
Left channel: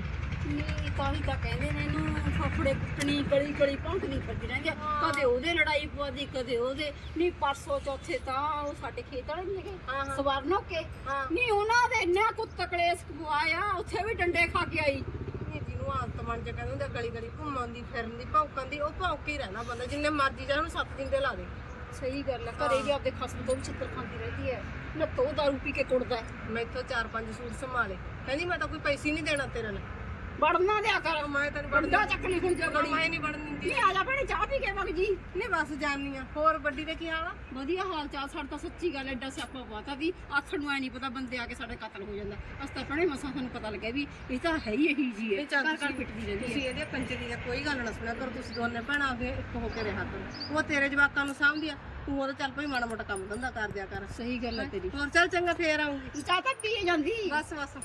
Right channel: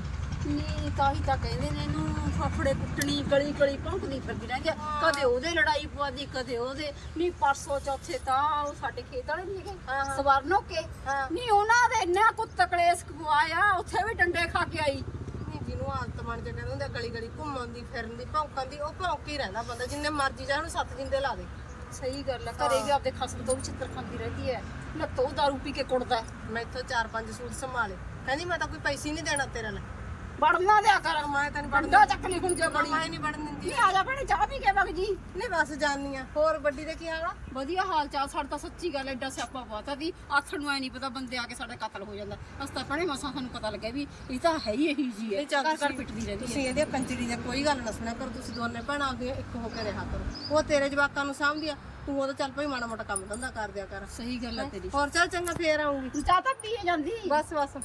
[SPEAKER 2] ਨੀ। ਤਾਂ ਹੀ ਤਾਂ ਕਹਿੰਦੇ ਨੇ ਇਹਨੂੰ ਫਫੜੇ ਕੁੱਟਣੀ ਗਲੀ ਗਲੀ ਭੌਂਕਦੀ ਫਿਰਦੀ ਰਹਿੰਦੀ ਆ। ਕਦੇ ਉਹਦੇ ਲੜਾਈ ਪਵਾਦੀ ਕਦੇ ਉਹਦੇ। ਨੀ ਪਰਸੋਂ ਚੌਥੇ ਤਾਂ ਉਹ ਸਾਡੇ ਖੇਤ ਵਾਲੇ ਨਹੀਂ
[SPEAKER 4] ਹਾਂ,
[SPEAKER 2] ਗਏ
[SPEAKER 4] ਹਾਂ।
[SPEAKER 2] ਸਵਰਨੋ ਕੇ।
[SPEAKER 4] ਹਾਂ।
[SPEAKER 2] ਨੀ ਉਹਨਾਂ ਦੇ ਇੰਨਾ ਕੁੱਤ ਕਲੇਸ਼ ਕਵਾਇਆ ਉੱਥੇ ਵੀ ਡੰਡੇ ਖਾ ਕੇ ਆਈ।
[SPEAKER 4] ਨਹੀਂ ਜਿਹਨੂੰ ਆਦਤ ਬਣ ਕੇ ਕਹਿੰਦੇ ਹੁੰਦੇ ਆ ਗਲੀ ਗਲੀ ਘੁੰਮਣ ਦੀ ਫਿਰਨ ਦੀ ਭੌਂਕਣ ਦੀ ਉਹ ਭੌਂਕ ਹੀ ਰਹਿੰਦਾ ਬੰਦਾ ਜਿੰਨੇ ਮਰਜ਼ੀ ਜਾ ਉਹਨੂੰ ਸੱਤ ਜਿੰਦੇ ਲਾ ਦੇ।
[SPEAKER 2] ਸਹੀ ਗੱਲ ਆ ਘਰੇ ਵੀ ਆਪਦੇ ਖਸਮ ਤੋਂ ਵੀ ਛਿੱਤਰ ਖਾਂਦੀ ਰਹਿੰਦੀ ਹੈ। ਨਾ ਤੋ ਦਾਰੂ ਪੀ ਕੇ ਕੁੜਦਾ ਹੈ।
[SPEAKER 4] ਮੈਂ ਇੱਥੋਂ ਚਾਰ ਪੰਜ ਸੂਟ ਸੰਭਾਲੇ। ਕਹਿੰਦੀ ਮੈਂ ਤਾਂ ਕੋਈ ਪੈਸੇ ਨਹੀਂ ਦੇਣਾ ਤੇਰੇ ਲਈ।
[SPEAKER 2] ਵੜਨਾ ਦਿਆ ਕਰ।
[SPEAKER 4] ਮੈਂ ਤੈਨੂੰ ਵੜਨ
[SPEAKER 2] ਡੰਡਾ ਚੱਕਣੀ ਹੁਣ ਜੇ ਬੜੀ
[SPEAKER 4] ਮੈਂ ਨਹੀਂ ਵੜਨ ਦਿੰਦੀ।
[SPEAKER 2] ਨਹੀਂ ਆ ਜਾ ਭੈਣੇ ਚਾਹ ਪੀ ਕੇ ਵਗ ਜੀ।
[SPEAKER 4] ਨਹੀਂ ਬਸ ਜਾਨੀ ਆ। ਹੋਰ ਵੱਡੀ ਦੇ ਕੀ ਹਾਲ ਆ?
[SPEAKER 2] ਵਧੀਆ ਹਾਲ ਚਾਲ ਸਾਡਾ ਤਾਂ ਸੱਚੀ ਗੱਲ ਐਡਾ ਸਿਆਪਾ ਪਤਾ ਵੀ ਆਥਣ ਨੂੰ ਐ ਨਹੀਂ ਪਤਾ ਬੰਦੇ ਆ ਕੇ ਸਾਡੇ ਕਤਲ ਹੋ ਜਾਂਦਾ। ਅਸ ਤਾਂ ਭੈਣੇ ਮਸਾਂ ਸਾਨੂੰ ਪਤਾ ਲੱਗਿਆ ਵੀ ਇਹ ਤਾਂ ਹੈ ਹੀ ਇਹੀ ਜੀ ਹੈ।
[SPEAKER 4] ਇਹ ਚੱਲ
[SPEAKER 2] ਘਰ ਘਰ ਪਿੱਟਦੀ ਰਹਿੰਦੀ
[SPEAKER 4] ਤੁਸੀਂ
[SPEAKER 2] ਹੈ
[SPEAKER 4] ਇਹਦੇ ਕੰਜਰੀ ਦੇ ਕੋਈ ਗੱਲ ਨਾ ਸੁਣਿਆ ਕਰੋ ਤੁਸੀਂ ਦੋਨੇ ਭੈਣਾਂ ਅੱਗੇ ਇੱਕ ਹੋ ਕੇ ਰਿਹਾ ਕਰੋ। ਉਹ ਤੇਰੇ ਜਵਾਕਾਂ ਨੂੰ ਸਾਂਭਦੀ ਆ। ਤੂੰ ਉਹਦਾ ਚੱਲ ਭਾਈ ਮਾੜਾ ਮੋਟਾ ਕੰਮ ਧੰਦਾ ਕਰ ਦਿਆ ਕਰ।
[SPEAKER 2] ਸਹੀ ਗੱਲ ਹੈ? ਤੇਰੀ।
[SPEAKER 4] ਹੋਰ ਚੱਲ ਚੰਗਾ ਫੇਰ ਆਉਂਗੀ
[SPEAKER 2] ਚਾਹ ਤਾਂ ਪੀਏ ਜਾਂਦੀ।
[SPEAKER 4] ਬਸ ਬਸ।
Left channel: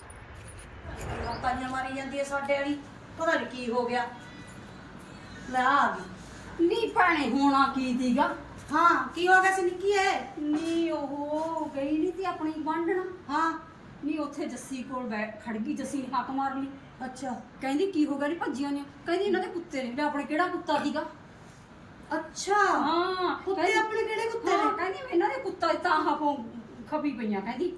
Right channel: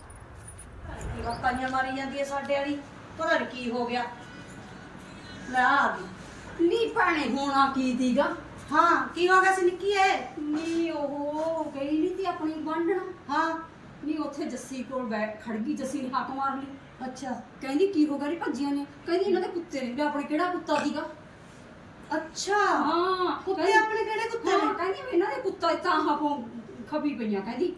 [SPEAKER 1] ਗੱਪਾਂ ਮਾਰੀ ਜਾਂਦੀ ਹੈ ਸਾਡੇ ਵਾਲੀ। ਪਤਾ ਨਹੀਂ ਕੀ ਹੋ ਗਿਆ। ਲੈ ਆ ਗਈ।
[SPEAKER 2] ਨਹੀਂ ਭੈਣੇ ਹੋਣਾ ਕੀ ਦੀਗਾ?
[SPEAKER 1] ਹਾਂ ਕੀ ਹੋ ਗਿਆ ਸੀ ਨਿੱਕੀ ਐ
[SPEAKER 2] ਨੀ ਉਹ ਗਈ ਨਹੀਂ ਤੀ ਆਪਣੀ ਬੰਡਣ
[SPEAKER 1] ਹਾਂ।
[SPEAKER 2] ਨੀ ਉੱਥੇ ਜੱਸੀ ਕੋਲ ਬੈਠ ਖੜ ਗਈ ਜੱਸੀ ਨੇ ਹੱਕ ਮਾਰ ਲਈ।
[SPEAKER 1] ਅੱਛਾ।
[SPEAKER 2] ਕਹਿੰਦੀ ਕੀ ਹੋ ਗਿਆ? ਨੀ ਭੱਜੀਆਂ ਨੇ। ਕਹਿੰਦੀ ਇਹਨਾਂ ਦੇ ਕੁੱਤੇ ਨੇ। ਆਪਣੇ ਕਿਹੜਾ ਕੁੱਤਾ ਸੀਗਾ
[SPEAKER 1] ਅੱਛਾ।
[SPEAKER 2] ਹਾਂ।
[SPEAKER 1] ਕੁੱਤੇ
[SPEAKER 2] ਕਹਿੰਦੀ-
[SPEAKER 1] ਆਪਣੇ ਕਿਹੜੇ ਕੁੱਤੇ
[SPEAKER 2] ਹਾਂ
[SPEAKER 1] ਨੇ
[SPEAKER 2] ਕਹਿੰਦੀ ਵੀ ਇਹਨਾਂ ਦੇ ਕੁੱਤਾ ਤਾਂ ਹੱਕੋਂ ਖਪੀ ਪਈਆਂ ਕਹਿੰਦੀ।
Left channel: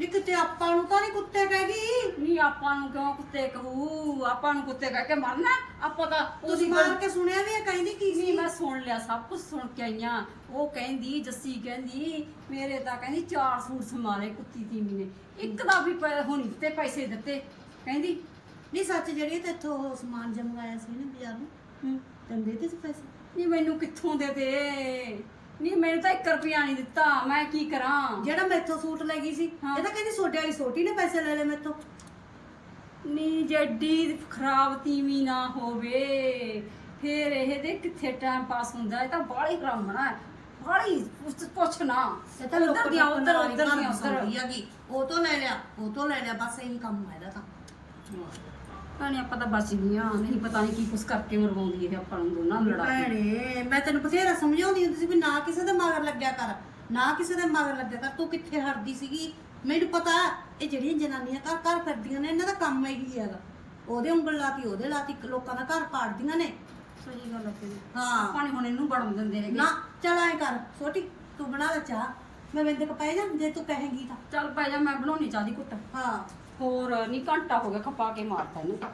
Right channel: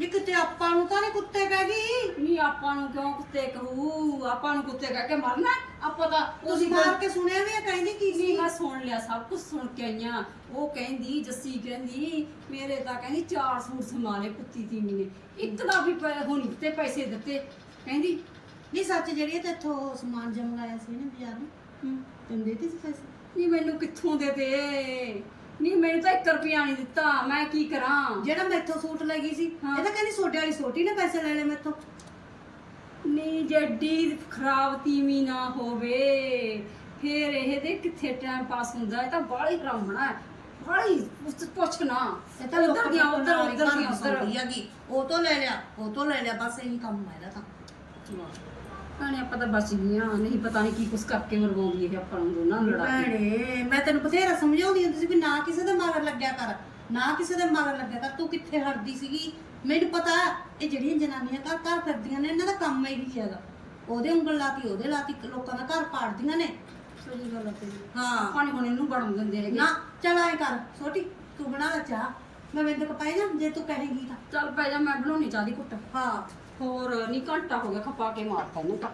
[SPEAKER 1] ਨੀ ਕਿਤੇ ਆਪਾਂ ਨੂੰ ਤਾਂ ਨਹੀਂ ਕੁੱਤੇ ਕਹਿਗੀ
[SPEAKER 2] ਨਹੀਂ ਆਪਾਂ ਨੂੰ ਕਿਉਂ ਕੁੱਤੇ ਕਹੂ? ਆਪਾਂ ਨੂੰ ਕੁੱਤੇ ਕਹਿ ਕੇ ਮਰਨਾ ਆਪਾਂ ਤਾਂ
[SPEAKER 1] ਤੁਸੀਂ ਮਾਰ ਕੇ ਸੁਣਿਆ ਵੀ ਇਹ ਕਹਿੰਦੀ ਕੀ ਸੀ?
[SPEAKER 2] ਨਹੀਂ ਮੈਂ ਸੁਣ ਲਿਆ ਸਭ ਕੁਝ ਸੁਣ ਕੇ ਆਈਆਂ ਉਹ ਕਹਿੰਦੀ ਜੱਸੀ ਕਹਿੰਦੀ ਮੇਰੇ ਤਾਂ ਕਹਿੰਦੀ ਚਾਰ ਸੂਟ ਸਮਾਰੇ ਕੁੱਤੀ ਤੀਮੀ ਨੇ। ਇੱਕ ਦਾ ਵੀ ਪੈ- ਹੁਣ ਦਿੱਤੇ ਪੈਸੇ ਦਿੱਤੇ। ਕਹਿੰਦੀ
[SPEAKER 1] ਨਹੀਂ ਸੱਚ ਜਿਹੜੀ ਤੇ ਇੱਥੋਂ ਉਹ ਸਮਾਨ ਜਮਗਾਇਆ ਸੀ ਨਾ ਬਾਜ਼ਾਰ ਨੂੰ
[SPEAKER 2] ਹੂੰ।
[SPEAKER 1] ਤੈਨੂੰ ਦੇਤੇ ਸੀ ਪੈਸੇ?
[SPEAKER 2] ਨਹੀਂ ਮੈਨੂੰ ਕਿੱਥੋਂ ਦੇ ਦੇ? ਨਹੀਂ ਮੈਨੂੰ ਤਾਂ 1 ਰੁਪਿਆ ਨਹੀਂ ਦਿੱਤਾ ਮੈਂ ਕੀ ਕਰਾਂ?
[SPEAKER 1] ਜਿਹੜਾ ਮੈਥੋਂ ਸੂਟ ਲੈ ਗਈ ਸੀ
[SPEAKER 2] ਹਾਂ।
[SPEAKER 1] ਇਹ ਤਾਂ ਕਹਿੰਦੀ ਸੋਡੇ ਵਾਲੀ ਸੋਟੀ ਨੇ ਪੈਸੇ ਲੈ ਲਏ ਮੈਥੋਂ।
[SPEAKER 2] ਨਹੀਂ ਜੱਡੀ ਖਰਾਬ ਤੀਵੀਂ ਨਾ ਹੋਵੇ ਫੇਰ ਇਹ ਦੇ ਕਿੱਥੇ ਟਾਈਮ ਪਾਸ ਹੁੰਦਾ? ਇਹ ਤਾਂ ਬਾਹਲੀ ਹਰਾਮਣਾ ਬਾਹਲੀ ਪੁੱਛ- ਪੁੱਛ ਨਾ।
[SPEAKER 1] ਇਹ ਤਾਂ ਲੋਕਾਂ
[SPEAKER 2] ਉੱਧਰ
[SPEAKER 1] ਦੀ
[SPEAKER 2] ਦੀਆਂ
[SPEAKER 1] ਉੱਧਰ
[SPEAKER 2] ਉੱਧਰ ਦੀਆਂ ਉੱਧਰ।
[SPEAKER 1] ਹੈਗੀ ਉਹ ਤੋਂ ਲੈ ਲਿਆ ਉਹ ਤੋਂ ਲੈ ਲਿਆ ਬਸ ਇਹੀ ਕੰਮ ਹੈ ਇਹਦਾ ਤਾਂ।
[SPEAKER 2] ਭੈਣੇ ਆਪਾਂ ਤਾਂ ਬਚ ਗਈਆਂ ਨਹੀਂ ਪਤਾ ਨਹੀਂ ਕੀ ਕੁਛ ਕਰਕੇ ਮਰਵਾਉਂਦੀ ਇਹ ਆਪਾਂ ਨੂੰ ਦੋਨਾਂ ਨੂੰ ਲੜਾ ਕੇ।
[SPEAKER 1] ਭੈਣੇ ਮੈਂ ਤੈਨੂੰ ਬਥੇਰਾ ਸਮਝਾਉਂਦੀ ਹੁੰਦੀ ਸੀ ਵੀ ਨਾ ਕਿਸੇ ਦੇ ਮਗਰ ਲੱਗਿਆ ਕਰ ਨਾ ਕਿਸੇ ਦੇ ਮਗਰ ਲੱਗਿਆ ਕਰ ਤੂੰ ਕਿੱਥੇ ਹਟਦੀ ਸੀਗੀ? ਮੈਨੂੰ ਪਤਾ ਇਹ ਜਿਹੜੀਆਂ ਜਨਾਨੀਆਂ ਘਰ ਘਰ ਫਿਰਦੀਆਂ ਨੇ ਇਹਨਾਂ ਦਾ ਕੰਮ ਇਹੀ ਹੈਗਾ। ਉਹਦੇ ਉਂਗਲ ਲਾਤੀ ਉਹਦੇ ਲਾਤੀ ਲੋਕਾਂ ਦਾ ਘਰ ਪਾੜਦੀਆਂ ਨੇ।
[SPEAKER 2] ਸਹੀ ਗੱਲ ਹੈ ਤੇਰੀ।
[SPEAKER 1] ਹਾਂ।
[SPEAKER 2] ਆਪਾਂ ਨੀ ਹੁਣ ਇਹਨੂੰ ਵੜਨ ਦਿੰਦੇ ਹੈਗੇ।
[SPEAKER 1] ਨਾ ਚਲ ਆਏ ਕਰ ਛੋਟੀ ਤੂੰ ਬਣਾ ਲੈ ਚਾਹ। ਮੈਂ ਬਿੰਦ ਕਪਾਏ ਜਾ ਜੇ ਤੂੰ ਕਹੇਂਗੀ ਤਾਂ।
[SPEAKER 2] ਚੱਲ ਪੈ ਜਾ ਮੈਂ ਬਣਾਉਣੀ ਚਾਹਦੀ ਕੁੱਟ
[SPEAKER 1] ਹਾਂ।
[SPEAKER 2] ਹੋਰ ਨਹੀਂ ਘੰਟਾ ਹੋ ਗਿਆ ਖਪਾ ਕੇ ਮਾਰਤਾ ਇਹਨੂੰ। ਤਾਂ